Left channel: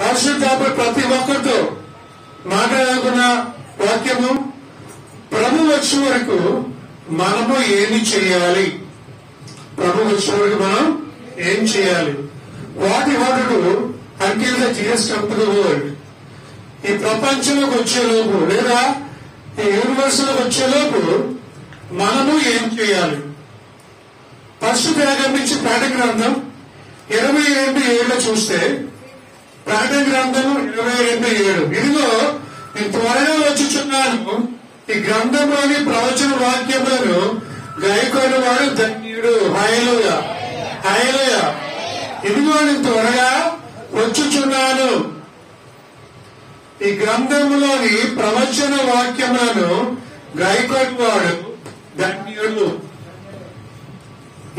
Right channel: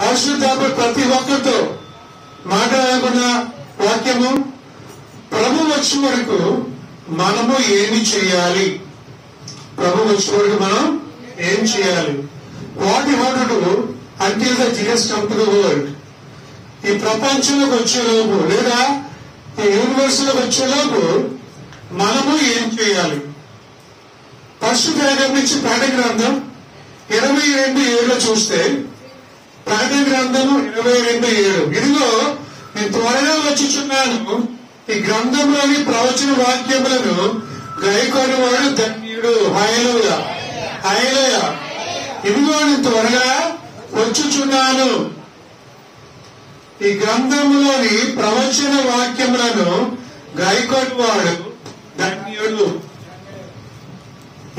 పరిశుద్ధాత్మ ప్రతి ఒక్కరితో మాట్లాడాలనుకున్న వాక్యము, ప్రభు వచ్చే వరకు మనము ఏమి చేయాలి, ప్రభు వచ్చే వరకు మనం ఏం చేయాలి, what you have to do until the Jesus come to the world. ఈ ప్రపంచంలోకి వచ్చేలోపు లేదా ఈ యూనివర్స్ లోకి వచ్చేలోపు మనము ఏం చేయాలి? పరిశుద్ధ గ్రంథం నుంచి ప్రకటన గ్రంథం 22:7 చూస్తే, ప్రకటన గ్రంథము 22:7, ఇదిగో నేను త్వరగా వచ్చుచున్నాను, ఈ గ్రంథంలోని ప్రవచన వాక్యములను గైకొని వాడు ధన్యుడు. హల్లెలూయా, హల్లెలూయా. ఇదిగో నేను త్వరగా వచ్చుచున్నాను, ఈ గ్రంథంలోని ప్రవచన వాక్యములను గైకొని వాడు ధన్యుడు.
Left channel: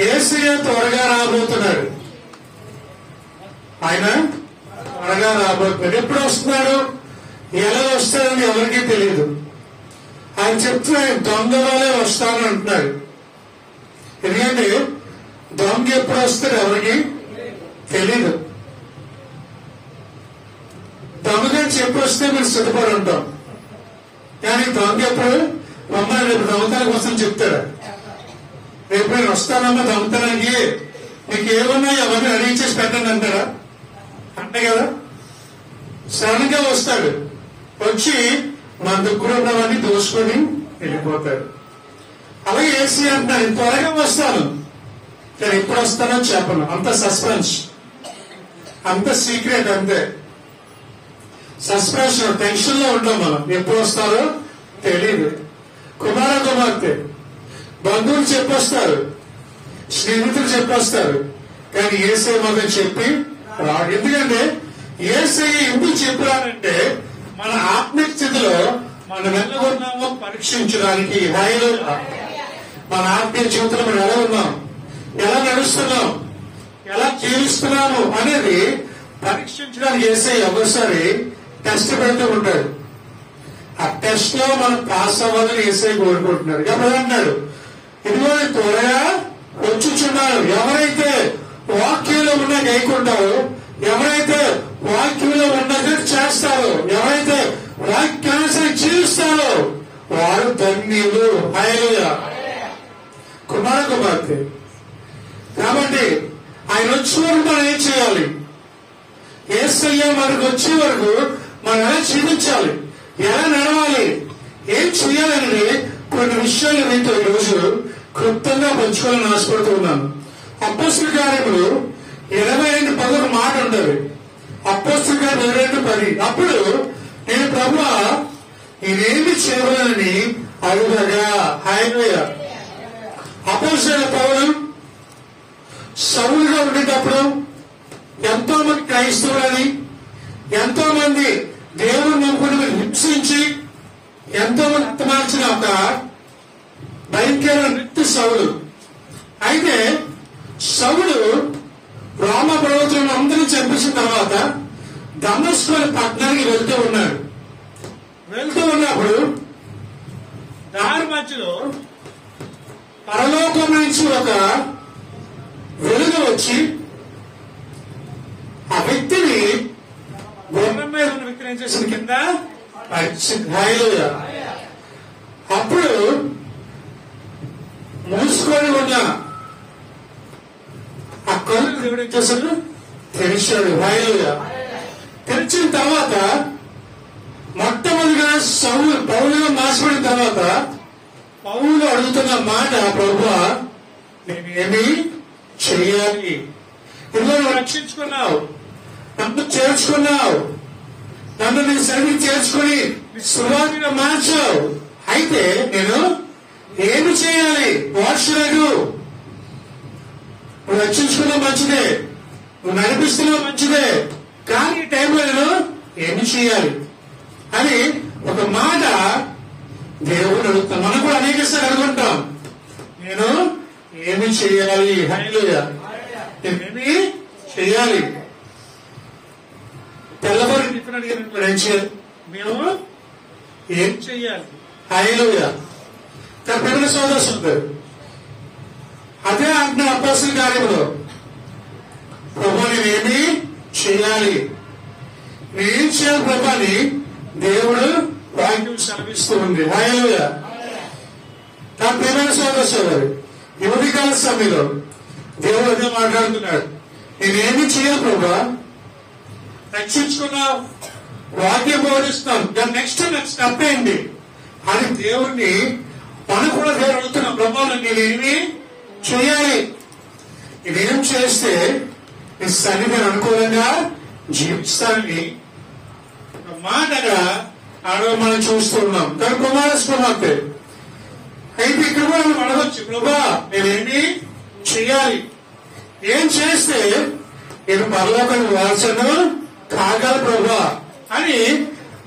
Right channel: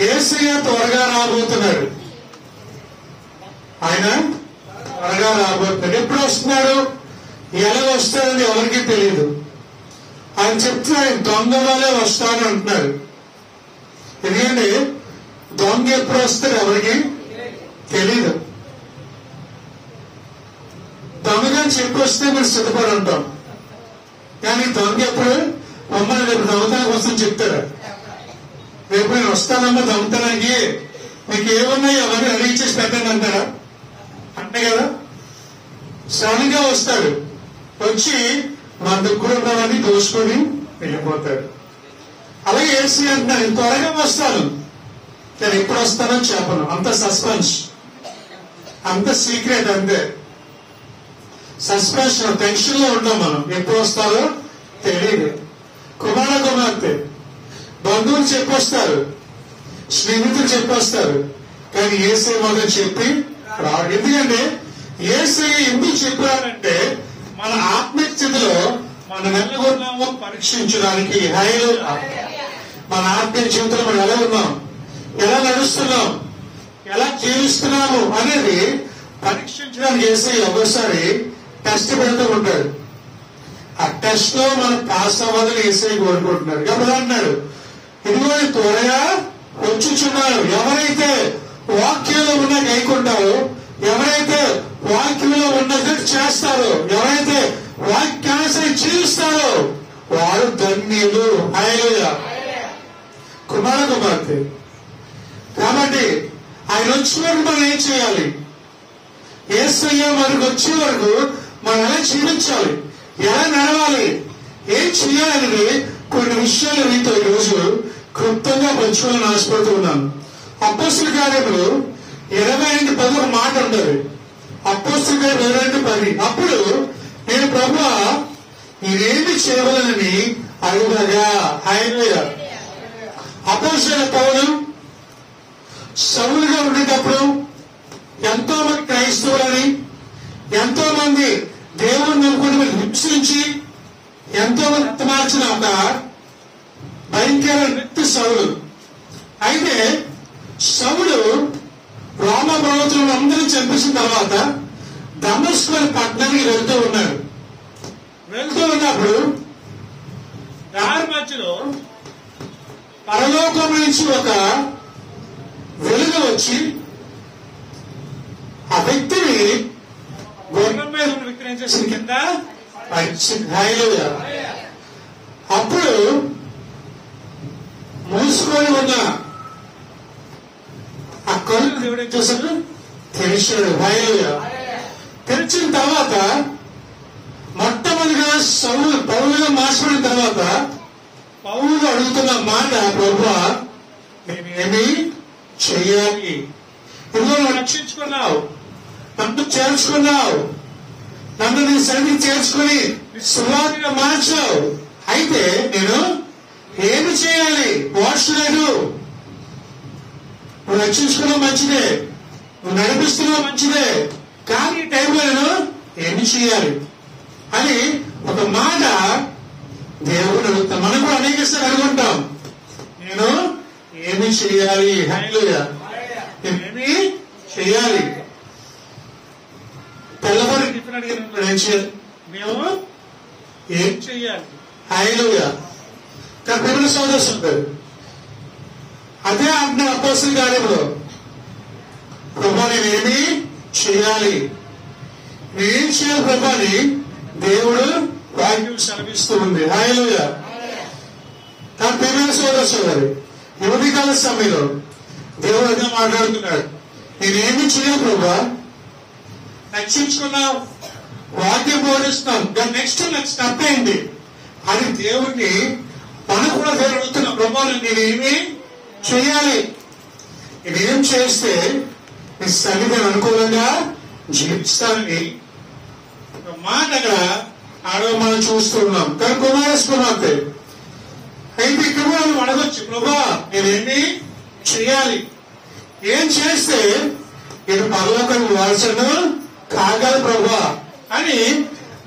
యేసయ్య త్వరగా రాబోతున్నాడు. ఆయన త్వరగా రాబోతున్నాడు. ఎప్పుడు వస్తున్నాడు, ఎలా వస్తాడని ఎవరికీ తెలియదు. ఆయన చెప్తున్నా, ఆయన దొంగ వల్లే వస్తాను అంటున్నాడు. ఎందుకంటే దొంగ ఎప్పుడు వస్తాడు ఎవరికి తెలీదు. దొంగని చెప్పి వస్తే మీరు సిద్ధపడి ఉంటాం, కానీ దొంగ ఎప్పుడు మమ్మల్ని రేపు దొంగతనానికి వస్తాను చెప్తాడు. రేపు నేను వస్తానమ్మా దొంగతనానికి, మీకు ఏమున్నాయి అవన్నీ రెడీ చేసి పెట్టండి అంటారా? అంటే కదా, సడన్ గా వస్తాడు, వచ్చి మన దగ్గర ఉన్నవన్నీ దోసుకొని వెళ్ళిపోతాడు. అలాగే యేసు అంటున్నాడు, త్వరగా వస్తాను, నేను ఎప్పుడు వస్తానో చెప్పను. అంత సస్పెన్స్, అంత సీక్రెట్, అంతే సస్పెన్స్. టెన్షన్ లో ఉంటాం మనం, ఎప్పుడు వస్తారో తెలియదు. కుమార్తె బంధువులు చెప్పొస్తారు, స్నేహితులు చెప్పొస్తారు, కానీ యేసయ్య మాత్రం చెప్పి రాడు. ఎందుకంటే యేసయ్య ఎందుకు చెప్పాడంటే మన ఆత్మీయ స్థితిలో మనం ఎలా ఉన్నామో పరీక్షించడానికి. హల్లెలూయా. మన ఆత్మీయ జీవితంలో మనం ఎలా ఉన్నాం, ఎలా నడుస్తున్నాం, ఎలా జీవిస్తున్నాము అనేది పరీక్షించడానికి యేసయ్య ఒకసారి టెస్ట్ పెడుతూ ఉంటాడు. ఆ టెస్ట్ లో మనం పాస్ అవ్వాలని యేసయ్య కోరుకుంటున్నాడు. కాబట్టి అంటున్నాడు, ఇదిగో త్వరగా వచ్చుచున్నాడు. ఎవరైతే వాక్యంలో ఉన్న గైకుంటారో, ఎవరైతే వాక్యంలో ఉన్నది చేస్తారో, ఎవరైతే వాక్యాన్ని జీవిస్తారో వారు ధన్యులు. హల్లెలూయా. కుమార్తె. కాబట్టి ఆయన వచ్చే వరకు మనం ఏం చేయాలి? యేసయ్య మనకు వచ్చే వరకు మనం ఎలా జీవించాలి, ఎలా నడవాలి, ఏం చేయాలని కొన్ని విషయాలు మీతో ఈరోజు క్లుప్తంగా పంచుకోవాలని ఆశపడుతూ ఉన్నాను. అపోస్తలుల కార్యములు 22:10 ఒక మాట ఉండదు. అపోస్తలుల కార్యం 22:10, అప్పుడు నేను ప్రభువా నేనేమి చేయగలనని అడుగగా. హల్లెలూయా. అపోస్తలుడైన పౌలు సౌలుగా ఉండేటప్పుడు ఎంతో మంది క్రైస్తవులని, ఎంతో మంది దేవుని నమ్ముకుని హింసించి ఎంతో మంది మార్చిన ఒక భయంకరమైన వ్యక్తి సౌలు. అయితే సౌలు రోమ ప్రవక్తలను అందరినీ చంపించిన తర్వాత దమస్కు పట్టణానికి వెళ్తూ ఉన్నాడు. వెళ్తూ ఉన్నప్పుడు దారి మధ్యలో పరలోకం నుంచి ఒక వెలుగు వచ్చి ఆ వ్యక్తిని, గుర్రం మీద ఉన్న వ్యక్తిని ఏం చేసింది, కింద హల్లెలూయా. అప్పుడు మూసుకొని ఉన్న ఆ కళ్ళు దేవుడు ఏం చేశాడు, తెరిచాడు. హల్లెలూయా. తెరిచిన తర్వాత మొట్టమొదటిగా పౌలుగా మార్చబడిన తర్వాత పౌలు అడుగుతున్న మాట, ప్రభువా నేనేమి చెయ్యాలి? ఇదిగో నువ్వు రక్షించుకున్నావు, నన్ను చేర్చుకున్నావు, నన్ను నీ సన్నిధికి చేర్చుకుని సువార్తగా మార్చావు. అయితే నేను ఏమి చేయాలి? What should I do? నువ్వు రక్షించుకున్నావు మంచిదే, నువ్వు నడిపిస్తున్నావు మంచిదే, కానీ ఈ టైంలో నేను ఏమి చేయాలి అని ఒక మాట దేవుడు అడుగుతాం. మనం కూడా అనేకసారి అడుగుంటాం, నేను ఏమి చేయాలి? హల్లెలూయా. నేనేమి చేయాలి? తెల్లవారి టిఫిన్ అడిగిన ఏం చేయాలి? మేము ఏం చెయ్యాలి? హల్లెలూయా. తన పిల్లల సోదరు అదే అంటున్నాడు అపోస్తలుల కార్యంలో, ప్రభువా నేనేమి చేయాలి? ఏం చేయాలి ప్రభు అని దేవుడు వాక్యం సెలవిస్తూ ఉంది. హల్లెలూయా. తన ప్రియమైన సోదరు ఈ ఉదయకాల సమయంలో దేవుడు అదే మాట్లాడుతున్నాడు. నేనేమి చేయాలి ప్రభు, రక్షించుకున్నావు, వాక్యం బోధిస్తున్నావు, దాని నెక్స్ట్ స్టెప్ ఏంటి అని దేవుడిని మనకు కూడా దేవుడు అడుగుతున్నా. ప్రభు నేనేమి చేయాలి, నేనేం చేస్తే నీ సన్నిధిని అనుకూలంగా జీవిస్తానని ఒక మాట అక్కడ ఆడవ మనం చూస్తూ ఉన్నాం. కానీ కుమారస్వామి అయితే ఇక్కడ కూడా మనం అడగొచ్చు, ప్రభా నేనేమి చేయాలి, ఏం చేస్తే నేను పరలోకానికి వారసును కాగల ప్రభా అని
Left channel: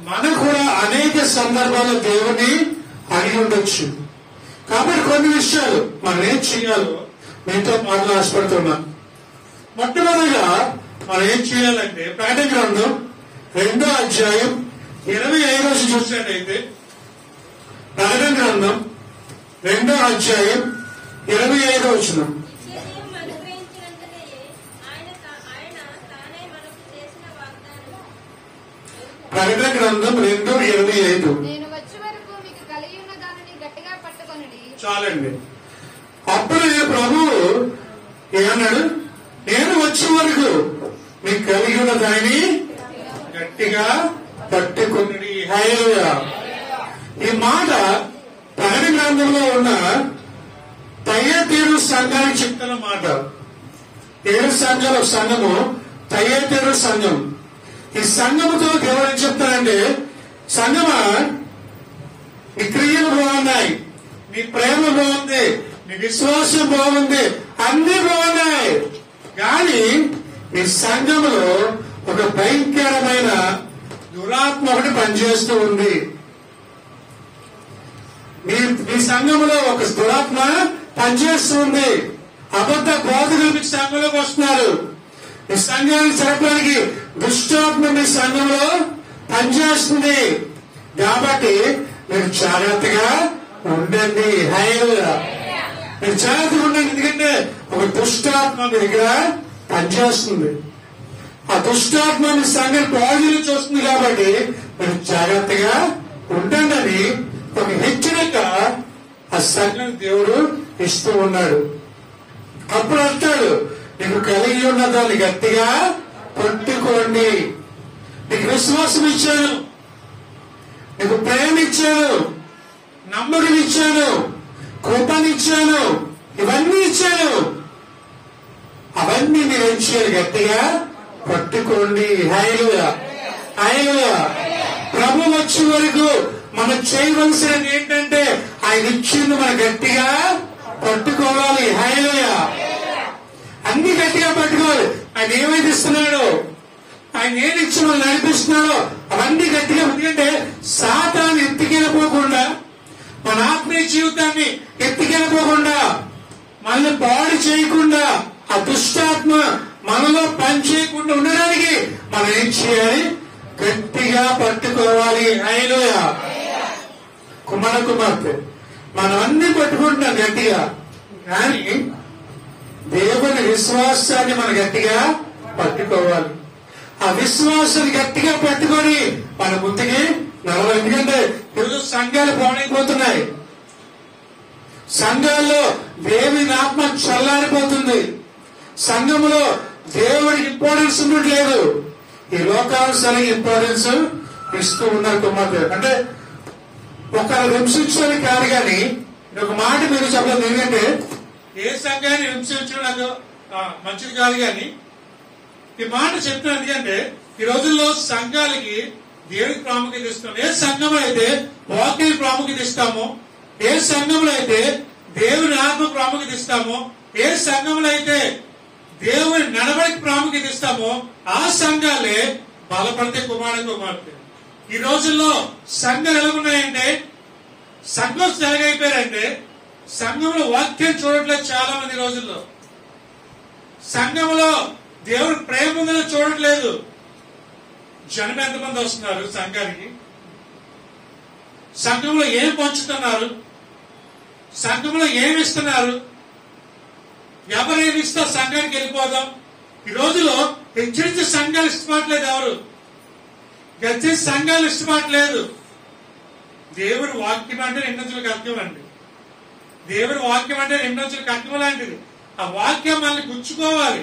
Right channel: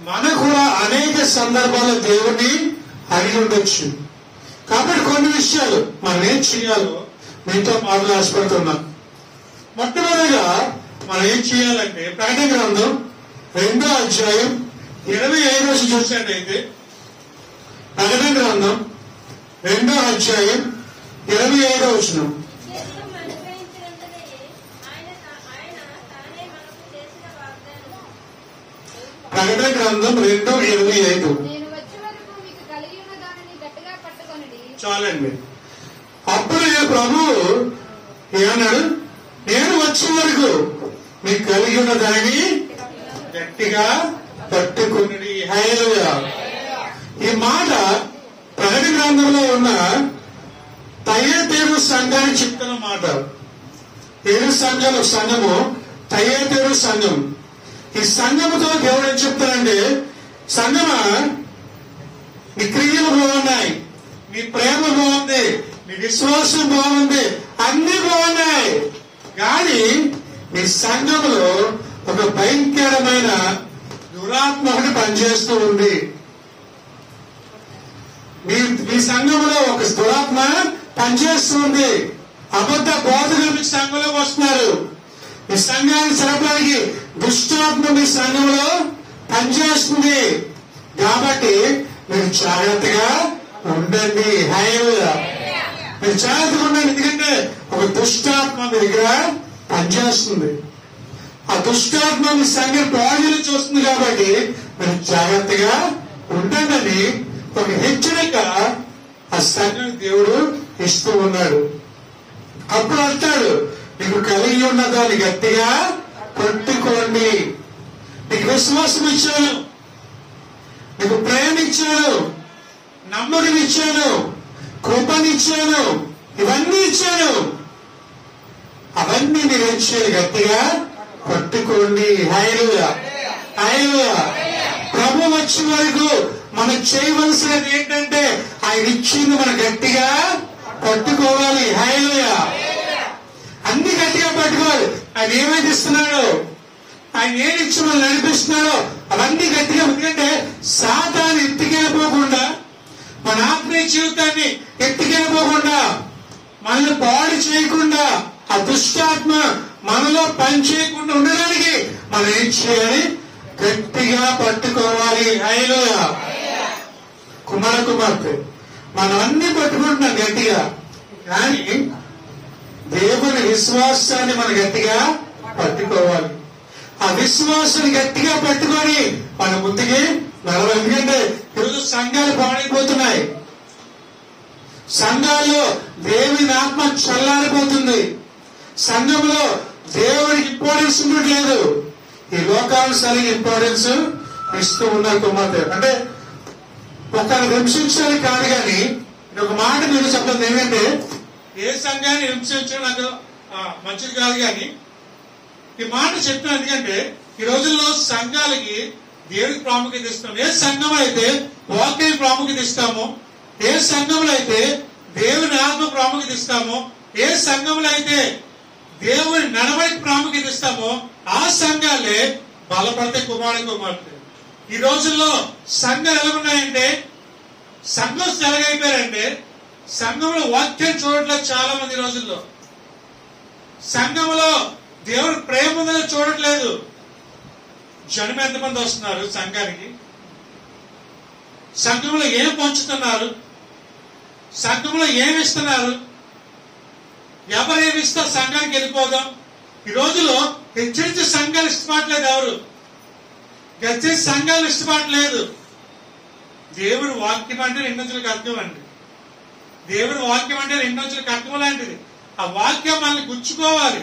మనకు కూడా అనేక సందర్భాల్లో దేవుడిని అడిగి ఉండొచ్చు. కాబట్టి కొన్ని విషయాలు మనం ఏం చేయాలో మీతో మాటలు ఆశపడుతున్నా. మొట్టమొదటిగా మనం ఏం చేయాలంటే ప్రకటన గ్రంథం 2వ అధ్యాయం 25 చూసినట్టయితే, ప్రకటన గ్రంథం 2వ అధ్యాయం 25 వచనం. ప్రకటన గ్రంథం 2:25. చాలండి. అప్పుడు ప్రభు ఏమన్నాడు, నేను వచ్చే వరకు మీకు కలిగి ఉన్న దానిని గట్టిగా పట్టుకుని. హల్లెలూయా. ఈ మాట ప్రకటన గ్రంథంలో ఉన్న తయతీరు సంఘానికి చెప్తున్న మాట. 7 సంఘాలు ఒక సంఘము తయతీరు సంఘం. ఈ సంఘముతో దేవుడు ఏం చెప్తారంటే, సంఘమా నీ క్రియలు బాగున్నాయి, నీ ప్రేమ బాగుంది, నీ విశ్వాసం బాగుంది, అన్ని బాగున్నాయి, కానీ నీ సంఘములో ఒక భయంకరమైన దురాత్మ ఒకటి పనిచేస్తూ ఉంది. మీ సంఘములో ఒక దురాత్మ పనిచేస్తుంది. అబద్ధ బోధకులు మీ సంఘంలోకి వస్తున్నారు. మీ సంఘాన్ని జరపడానికి దుష్టాత్మ మీ సంఘంలో పనిచేస్తుంది. కాబట్టి మీరు జాగ్రత్తగా ఉండండి. హల్లెలూయా. మీరు జాగ్రత్తగా ఉండండి. ఎందుకంటే ఒక దుష్టాత్మ మీ దగ్గర పనిచేస్తుంది. ఆ దుష్టాత్మ మీ సంఘం బాడీ నుంచి వస్తుంది. కాబట్టి మీరు జాగ్రత్తగా ఉండండి అని ఒక హెచ్చరిక ఆ సంఘం దేవుడు ఇస్తూ ఉన్నాడు. అప్పుడు అంటాడు, నీకు కలిగి ఉన్న దాన్ని గట్టిగా పట్టుకోండి. నీకు విశ్వాసం ఇచ్చాను, నీకు ప్రేమ ఇచ్చాను, నమ్మకం ఇచ్చాను, కృపనిచ్చాను, ఇవన్నీ ఇచ్చాను. అవన్నీ మీరు ఏం చేయాలి, గట్టిగా పట్టుకోండి. హల్లెలూయా. హల్లెలూయా. ప్రభు వచ్చే వరకు మనం చేయవలసినది ఏంటంటే ఆయన ఇచ్చింది మనం గట్టిగా పట్టుకోవాలి. హల్లెలూయా. అన్ని గట్టిగా పట్టుకోవాలి. ఆయన ఏమైతే ఇస్తున్నాడో, ఆయన ఏది ఇచ్చి మనం నడిపిస్తున్నాడో అవన్నీ గట్టిగా. ఎందుకంటే సాతాను ఎత్తుకెళ్ళిపోకుండా, మన ఆత్మీయ జీవితాన్ని ఎత్తుకెళ్ళిపోకుండా, మనల్ని పాడు చేయకుండా, ఆ దుష్టాత్మ మనలో పని చేయకుండా ఉండడానికి మనం ఏం చేయాలి, గట్టిగా పట్టుకోవాలి. హల్లెలూయా. కుమార్తె మనం అన్ని పట్టుకుంటున్నాం గట్టిగా, కానీ దేవుని విశ్వాసాన్ని మనం గట్టిగా పట్టుకోవాలి. ఆ విశ్వాసాన్ని గట్టిగా పట్టుకొని మన ముందుకి నడవాలి. ఎందుకంటే ఈరోజు సంఘాలు పాడైపోతున్నాయి. సంఘాల్లో దేవుని ఆత్మ చల్లారిపోతుంది. సంఘంలో దేవుడికి ఇంపార్టెన్స్ ఉండట్లేదు. ఈ లోకానుసారి ఇంపార్టెన్స్ ఇస్తూ ఉన్నారు కుమార్తె. అంటే ఒకరిని హింసించాలి కాదు, కానీ ఒక మాట మీరు చెప్పలేదు. ఏంటంటే ఏ సంఘాన్ని హింసించడం నాకు మంచిది కాదు, కానీ ఈ మాట చెప్తున్నాను. ఎందుకంటే ఈ రోజుల్లో సంఘాలకి దేవుడికి ప్రాముఖ్యత ఇస్తాం. ఏ సంఘంలో అయితే వాక్యానికి ప్రాముఖ్యత ఇస్తామో, ఏ సంఘంలో అయితే దేవుని ఆత్మ ప్రాముఖ్యత ఇస్తామో, ఏ సంఘంలో అయితే దేవుని నడవడికి ప్రాముఖ్యత ఇస్తామో ఆ సంఘాలే బలపడితే కుమార్తె. ఈ రోజుల్లో సంఘాలు ఎలా ఉన్నాయంటే, సంఘం ఎలాగైపోయారంటే, సంఘంలో వాక్యం చూడట్లేదు చాలా మంది. రోజుల్లో సంఘంలో దేవుడి ప్రేమ ఉందని చూడట్లేదు. జనం ఎంతమంది వస్తున్నారు సంఘానికి, సంఘంలో ఏం పంచుతున్నారు, సంఘంలో ఏమి ఇస్తున్నారు, ఎవరేమి ఇస్తా సంఘానికి వెళ్ళిపోదాం. ఈ రోజులో హెచ్చరించి సంఘాలు ఇష్టపడలేదు ఎవరు. ప్రతి సంఘాలు ఇష్టపడలేదు. దేవుని వాక్యం అంటే రెండొంతులకు అర్థం అండి. దేవుని వాక్యం అంటే రెండొంతులకు అర్థం లాంటిది. ఆ వాక్యం మనల్ని గుచ్చుకోవాలి,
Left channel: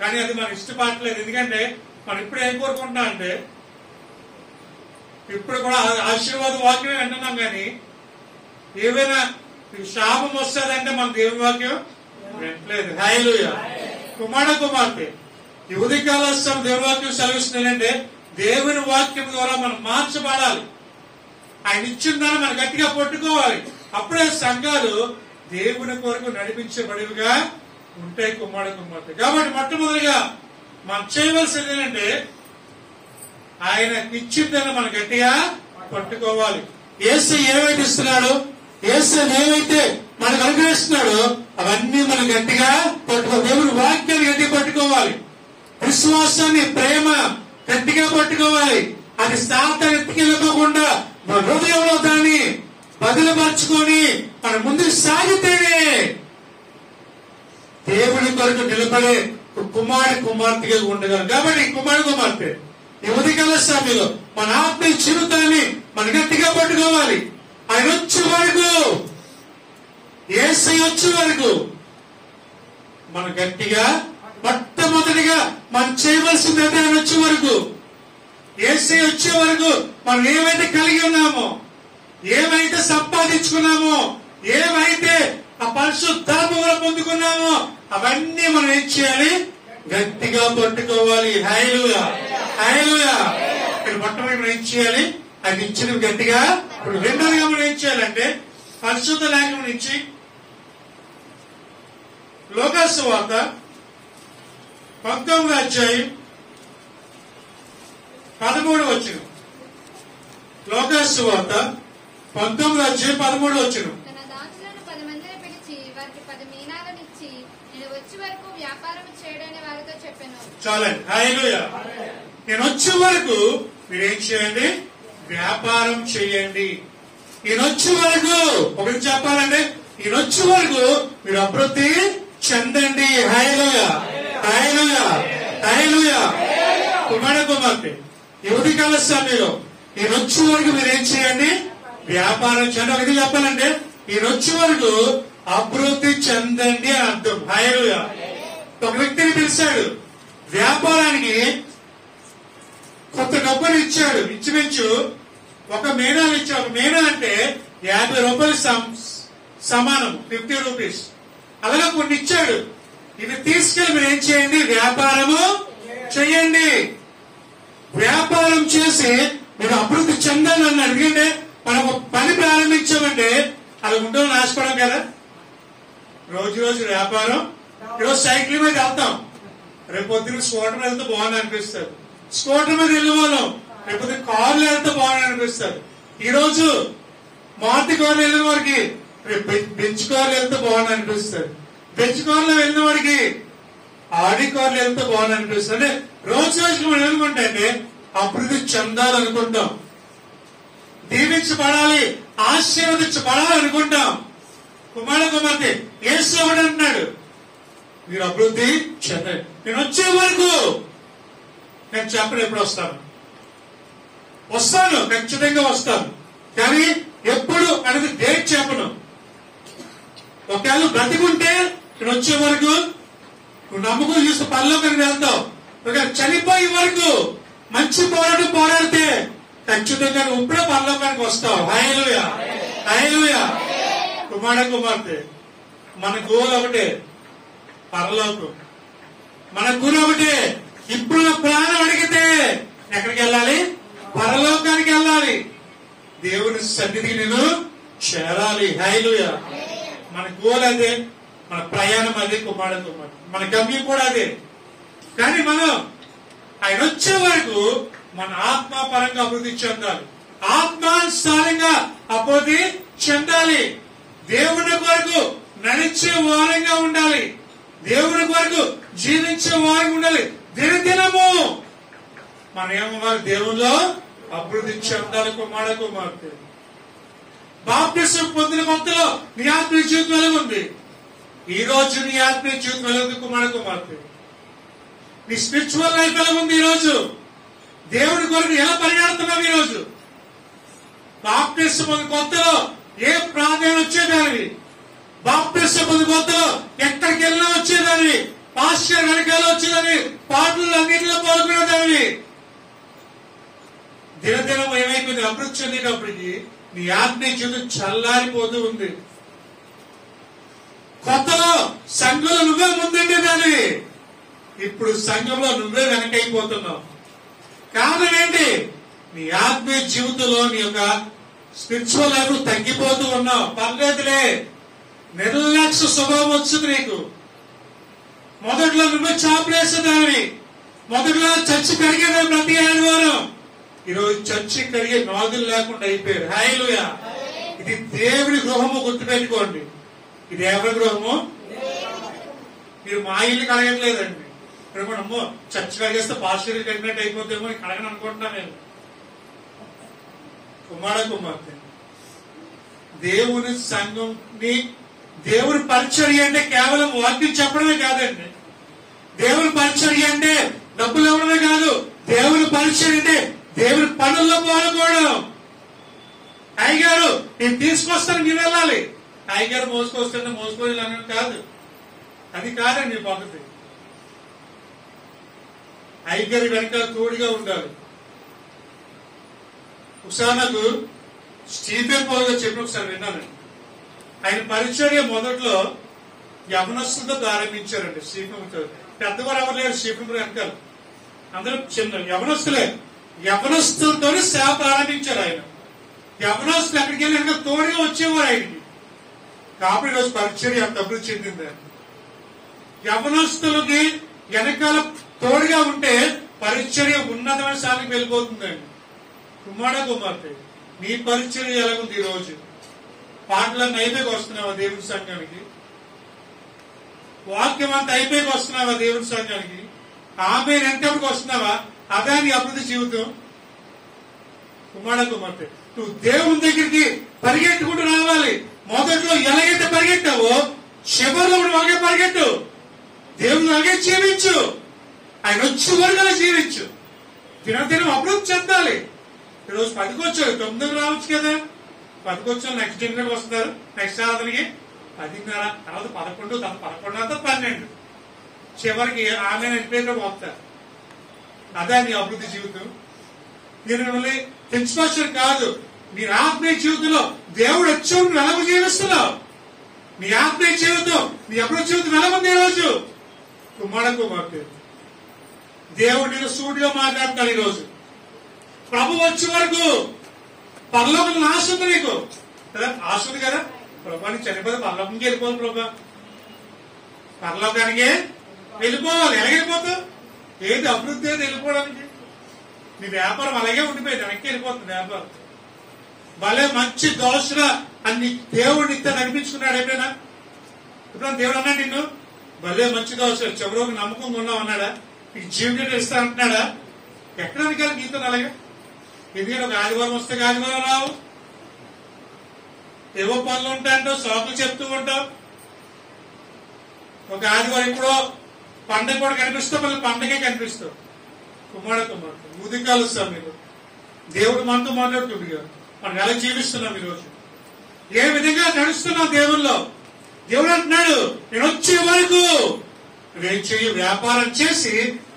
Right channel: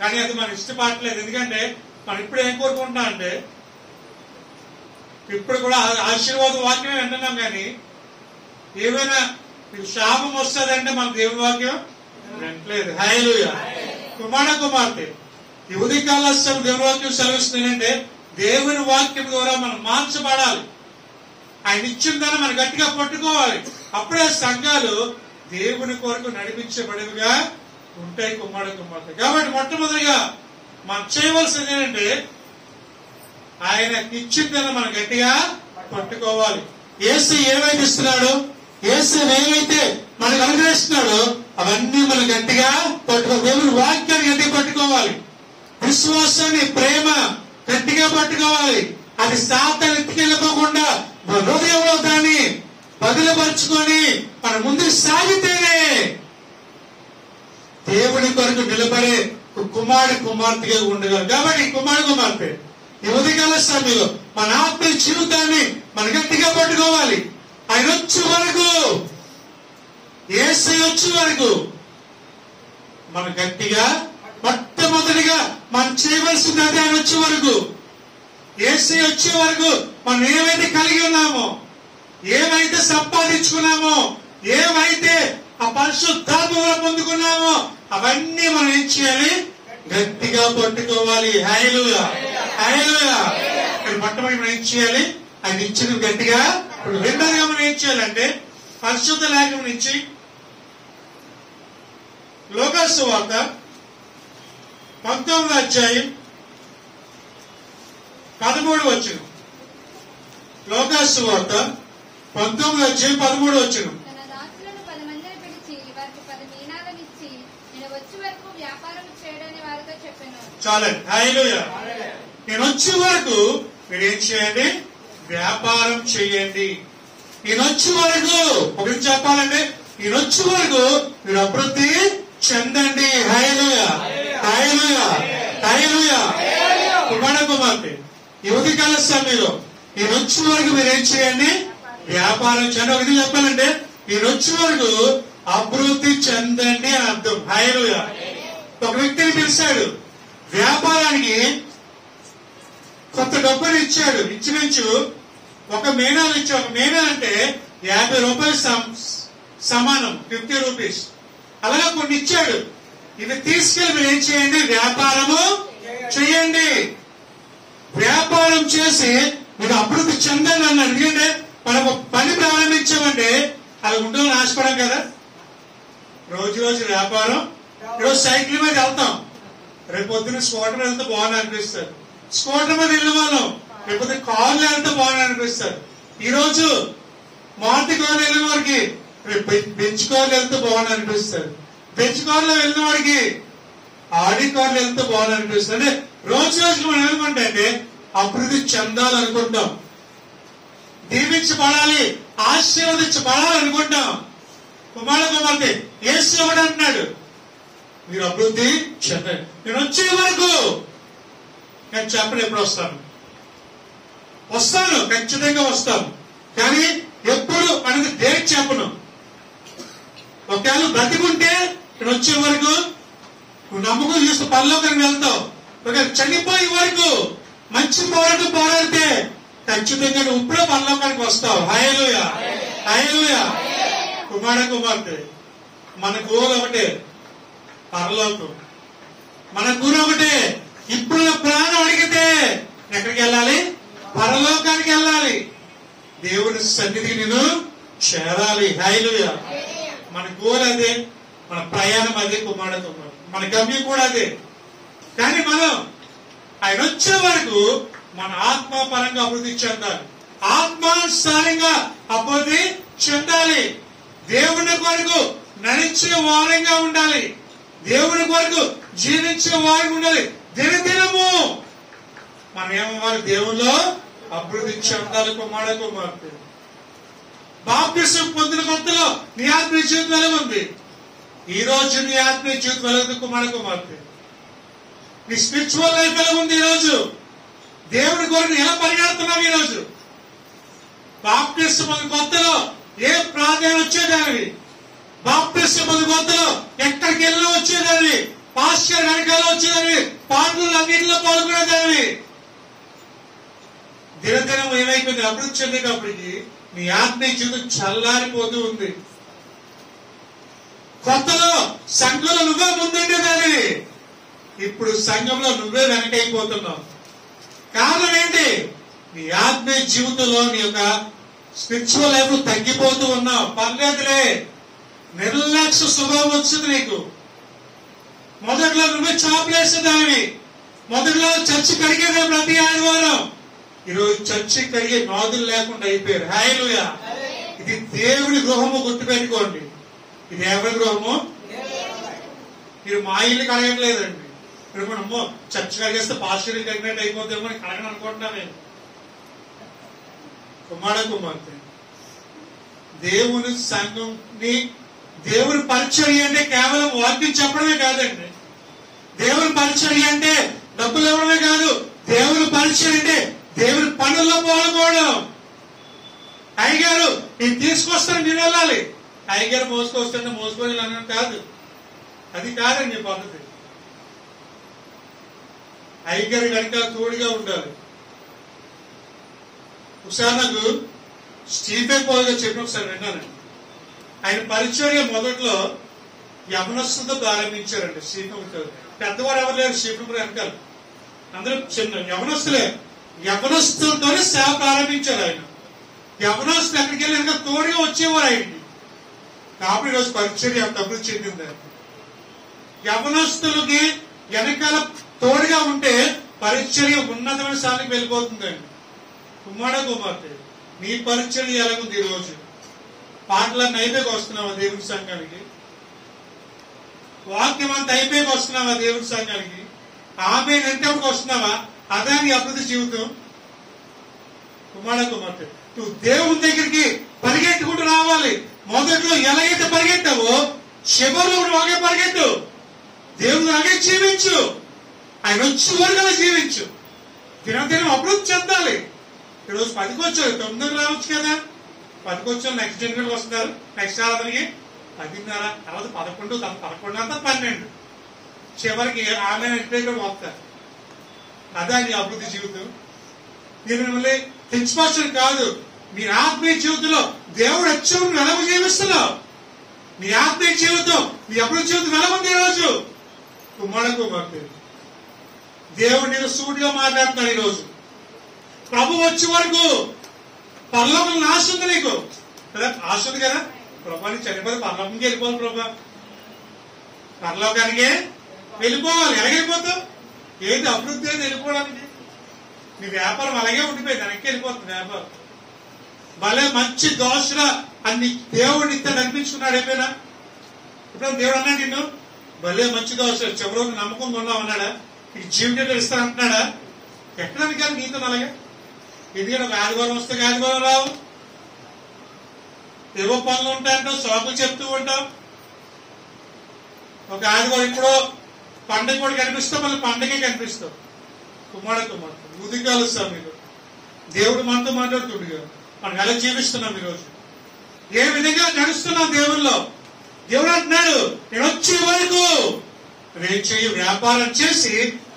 కానీ అది మనం ఇష్టపడలేదు. ఎందుకంటే మనం ఇప్పుడు ఏం కోరుకుంటున్నాం అంటే, ఇప్పుడు కూడా ఆశీర్వాద వాక్యమే వింటున్నాం, కానీ ఏమైనా శాపం వస్తుందంటే మన దేవుని వాక్యం వింటలేదు. హల్లెలూయా. కుమార్తె ఈ ఉదయకాల దేవుని వాక్యం సెలవిస్తుందంటే, దేవుని వాక్యం ద్వారా మనం మార్చబడాలి. ఆయన ఇచ్చిన దాన్ని మనం గట్టిగా పట్టుకోవాలి. అప్పుడే సంఘాలు దేవుని కొరకు నడిపించబడివిగా ఉంటాయి. కుమార్తె కాబట్టి మొట్టమొదటిగా మనం చేయవలసింది ఏంటంటే, ఆయన ఇచ్చిన దాన్ని మనం గట్టిగా పట్టుకోవాలి. యేసు ఏమైతే ఇస్తున్నాడో, యేసు ఏమైతే మనకు అనుగ్రహిస్తున్నాడో అవన్నీ మనం గట్టిగా పట్టుకోవాలి. దేవుని వాక్యాన్ని గట్టిగా పట్టుకోవాలి. విశ్వాసాన్ని, ప్రేమ గట్టిగా పట్టుకోవాలి. అది సాతాను ఎత్తుకెళ్ళకుండా మన హృదయంలో దాన్ని బదిలపరుచుకొని మన ముందుకు సాగితేనే దేవుని కొరకు నిలబడే కుమార్తెగా ఉండగలం. కాబట్టి కుమార్తె ఈ ఉదయకాల సమయంలో మన ఆత్మీయ జీవితాన్ని మనం గట్టిగా పట్టుకోవాలి. ఆయన వచ్చే వరకు, యేసయ్య వచ్చే వరకు మనం గట్టిగా మొట్టమొదటిగా మనం చేయవలసింది అదే. ఆయన వచ్చే వరకు, యేసయ్య వచ్చే వరకు మనం ఏమైతే కలిగి ఉన్నామో, ఏమైతే సంపాదించుకున్నామో, ఏమైతే ఆ పరిశుద్ధాత్మ పొందుకున్నామో అవన్నీ మనం ఏం చేయాలి? గట్టిగా పట్టుకోవాలి. హల్లెలూయా, హల్లెలూయా. మొట్టమొదటి మనం ఏం చేయాలి? ఆయన ఇచ్చిన గట్టిగా. రెండోదిగా మనం ఏం చేయాలంటే, పరిశుద్ధ లేఖనం నుంచి లూకాసు సువార్త 19వ అధ్యాయం 13వ వచనం. లూకాసు సువార్త 19వ అధ్యాయం 13వ వచనం. చాలండి. హల్లెలూయా. నేను వచ్చే వరకు మీరు ఏం చేయండి? వ్యాపారం చేయండి. ఈయన వచ్చే వరకు ఒకటి చెప్పాలంటే, ఈయన వచ్చే వరకు మీరు అభివృద్ధి చెందండి. హల్లెలూయా, హల్లెలూయా, హల్లెలూయా. కుమార్తె ఈ ఉదయకాల సమయంలో ఈయన వచ్చే వరకు మీరు ఏం చేయండి? వ్యాపారం చేయండి. ఒక ఇది చెప్పాలంటే, ఈయన వచ్చే వరకు అభివృద్ధి చెందండి అని అర్థం. హల్లెలూయా. ఒక వ్యక్తిని పిలిచాడు వ్యాపారానికి, కొత్త డబ్బులు ఇచ్చాడు. ఇంచుమించు ఒక మేనాలు ఇచ్చాడు. ఒక మేనా అంటే 50 రూపాయలు సమానం, 50 రూపీస్. అలాగే కొన్ని ఇచ్చాడు. ఇవి తీసుకెళ్లి మీరు ఏం చేయండి? వ్యాపారము చేయండి. వ్యాపారం చేసి మీరు అభివృద్ధి చెందాలి అన్నాడు. ఎందుకంటే మనం పని ప్రారంభించామంటే అలా ఉండాలని ఆశపడం కదా. రోజు రోజు వ్యాపారం. ఈరోజు సైకిల్ మీద వెళ్తాం, రేపు పొద్దున స్కూటర్ వెళ్తే బాగుంది అనిపిస్తారు. స్కూటర్ మీద వెళ్ళిన వాళ్ళం రేపు పొద్దున కార్లు వెళ్తే బాగుంది అనిపిస్తారు. ఈ రోజు మారుతి కార్లు వెళ్ళిన వారికి రేపు బెంచ్ కార్లు వెళ్తే బాగుంది అనిపిస్తారు. బెంచ్ కార్లో వెళ్ళిన వారికి ఆడి కార్లు వెళ్తే బాగుంది అనిపిస్తుంది. అంటే రోజు రోజుకి మనం ఏమనుకుంటే అంటే అభివృద్ధి చెందాలనుకుంటాం, దీవించబడాలి, ఆశీర్వదించబడాలి అనుకుంటాం. కుమార్తె యేసు ఒకటి అంటున్నాడు, మీరు అభివృద్ధి చెందండి. నేను వచ్చే వరకు నేను చెప్పను ఎప్పుడు వస్తాను, ఖచ్చితంగా వస్తాను, కానీ ఎప్పుడు అనేది డేట్ చెప్పను. ఒకవేళ బ్రతికుంటే నేను వచ్చే వరకు నువ్వు నమ్మకం చూస్తే పరలోకానికి వెళ్తావు. ఒకవేళ చనిపోయే వరకు మంచి పోరాటం పోరాడితే ఖచ్చితంగా నువ్వు ఇప్పుడే పరలోకానికి వస్తావు. హల్లెలూయా, హల్లెలూయా. కుమార్తె మన గోల్ ఒకటే, పరలోకం. మన గురి ఒకటే. ఇప్పుడు ప్రాణం అడిగితే ఎక్కడికి వెళ్ళాలి? పరలోకానికి వెళ్ళాలి. దేవుని సన్నిధికి నేను చేరాలి. హల్లెలూయా. మన గోల్ అదే, మన ప్రయాణం అదే. కుమార్తె మన గమ్యం కూడా అదే. కానీ మనం ఆయన వచ్చే వరకు మన ఆత్మపరంగా అభివృద్ధి చెందాలి, ఆత్మానుసారంగా అభివృద్ధి చెందాలి. దేవుని కొరకు నడిచే వారంగా ఉండాలి, దేవుని కొరకు జీవించే వారంగా ఉండాలి. దినదినము మనం ఏమవ్వాలి? దేవుల్లో అభివృద్ధి చెందాలి. కుమార్తె బాప్తిసం పొందిన కొత్తలో నీ ఆత్మీయ జీవితం ఎలా ఉంది? ఈ రోజు నీ ఆత్మీయ జీవితం ఎలా ఉంది? కుమార్తె నీ స్పిరిచువల్ లైఫ్ ఎలా ఉంది? ఈ రోజు దేవుని వరకు ఎలా పరిగెడుతున్నావు ఈ రోజు? బాప్టిస్ట్ పొంది కొత్తలో ఏ ప్రార్థన వచ్చేదానివి? బాప్టిస్ట్ పొంది కొత్తలో ఎక్కడికి వెళ్ళినా వచ్చేదానివి, పాస్టర్ వెనకాల వచ్చేదానివి, పాటలు అన్నింటిలో పాల్గొనేదానివి. దినదినం ఏమైపోయింది? అభివృద్ధి చెందేటప్పటికి నీ ఆత్మీయ జీవితం చల్లారిపోతూ ఉంది. కొత్తలో సంఘంలో నువ్వే ముందుండేదానివి, ఇప్పుడు సంఘంలో నువ్వే వెనకైపోతున్నావు. కారణం ఏంటి? నీ ఆత్మీయ జీవితంలో నీ యొక్క స్పిరిచువల్ లైఫ్ తగ్గిపోతూ ఉన్నావు. పర్లేదులే, నిర్లక్ష్య స్వభావం వచ్చింది నీకు. మొదట్లో నువ్వే చాపులేసేదానివి, మొదట్లో చర్చి కడిగేదాన్ని ప్రతి ఆదివారం. ఈరోజు చర్చి కడిగే నాదులు లేకుండా అయిపోయారు. హల్లెలూయా! ఇది దేవుని గృహము, గుర్తుపెట్టుకోండి. ఇది ఎవరి గృహము? మీరు మా ఇల్లు కడగట్లేదండి. ఇప్పుడు అమ్మో చర్చి కడిగేస్తే పాస్టర్ కడిగినట్టు అయిపోతేమో అని కడగను అనుకుంటున్నా నేను. కుమార్తె, దేవుని సంఘంని, దేవుని పరిచర్య అంటే కేవలం వాక్యం చెప్పడమే కాదండి. దేవుని పరిచర్య అంటే డబ్బులు ఇవ్వడమే కాదు. దేవుని పరిచర్య అంటే దేవుని పనుల్లో పాల్గొనడం. అయ్యగారు నేను తీసుకొస్తాను, మీరు వెళ్ళాలి. అయ్యగారు మోసుకొస్తుంటే మోసుకొని వెళ్ళాలని కాదు, అది కాదండి మీ పద్ధతి. అయ్యగారి వెనకాల తోడుగా ఉండాలి. ఉదాహరణకు స్టీఫెన్ పౌల్ గారు చెప్పిన ఒకసారి విన్నానండి. ఆయన పరిచర్య మొదట్లో యవనస్తులతో ప్రారంభించారండి. స్టీఫెన్ పెద్దవారు ఎవరు లేరు స్టీఫెన్ వెనకాల, అందరూ చిన్న యవనస్తులే. యవనస్తులతోనే సేవ ప్రారంభించారు ఆయన. యవనస్తులు ఎక్కడికి వెళ్ళి వెనక తోడుగా వచ్చేవారు ఆయనకి. కాబట్టి ఈరోజు పరిచర్య అభివృద్ధి చెందింది. యవనస్తులకి వెనకాల తోడుగా ఉంటే పరిచర్య ఉన్నతమైన స్థానానికి వెళ్ళిపోతుందండి. కుమార్తె, నీ పరిచర్య ఎలాగుంది ఈ రోజు? పాటలన్నీ అయిపోయి వస్తున్నావా దేవుని సంఘానికి? వాక్యం అంతా అయిపోయి వస్తున్నావా దేవుని సంఘానికి? ఆమె ఎంతవరకు వస్తున్నావా? అదా నీ అభివృద్ధి జీవితం? కుమార్తె, నువ్వు దేవుని దగ్గరికి పరిగెట్టుకుంటూ రావాలి. మొదట్లో ఎలాగైతే పరిగెట్టావో చివరిలో కూడా అలాగే పరిగెట్టు. దేవుని అలాగే జీవించు. ఆయన వచ్చే వరకు అలా జీవించు. దినదినం అభివృద్ధి చెందాలి. ఈరోజు 10కి వచ్చారు, 9కి రావచ్చు కదా. 10కి వచ్చారు, నెక్స్ట్ జనరేషన్ వస్తున్నారు. నెక్స్ట్ ఆరాధనకి 10:30, తర్వాత 11, 11 12, చివరికి ఆమె నడిపేటప్పుడు వస్తారు. అదా నీ అభివృద్ధి జీవితం? నేను మిమ్మల్ని తెచ్చిపోవచ్చు కాదు. నీ ఆత్మీయ జీవితంలో దేవుడు వచ్చి వెలమ జీవిస్తున్నావు. నీ ఆత్మీయ జీవితం, నీ అభివృద్ధి జీవితం వెలమంది ఈరోజు. కుమార్తె, దేవుడు నేను సూటిగా మాట్లాడుతున్నాడు ఈరోజు. ప్రభు వచ్చే వరకు పరలోకం ఆశ ఉంది నీకు కదా, ఆశ ఉంది కదా. ప్రభాని చనిపోతే పరలోకంకి వెళ్ళిపోవాలి. ప్రభా పరలోకానికే వెళ్ళిపోవాలి. ఎలాగైపోతావు? ఏది అభివృద్ధి అయితే వెళ్ళిపోవడానికి? నీ వ్యాపారం అలాగే ఉండిపోయింది, వెనక్కి వెళ్ళిపోతుంది వ్యాపారం. భలే మంచి దోషణ అన్ని దేవుడిని ఇంత నడిపించుకున్నాడు. ఏమైనా ఇప్పుడు దేవుడు అన్నాడు నిన్ను భలే మంచి దోషణ, చివరికి నమ్మకం ఉన్నావు అన్నాడా? నీకు జీవితం ఇస్తా అంటున్నాడా? ఎక్కడ కానీ నీతో అలాగే. ఎందుకంటే ఒక ఆదివారం వస్తే ఆదివారం రావు, ఏవో పనులు ఉంటాయంటావు, సాకులు చెప్తూ ఉంటావు. ఒక ఆదివారం ఇప్పుడు పండగ కూడా కనిపిస్తావు, మళ్ళీ పండగే కనిపిస్తావు. కుమార్తె, ఉదికాలు ఇస్తాం మీరు. దేవుడు మనతో మాట్లాడుతుండగా మనం ఎలా జీవిస్తున్నాం ఈరోజు? ఏ విధంగా నడుస్తున్నాం దేవుల్లో? దేవుడు అంటున్నాడు నేను వచ్చే వరకు నేను చెయ్యి వ్యాపారం చేసి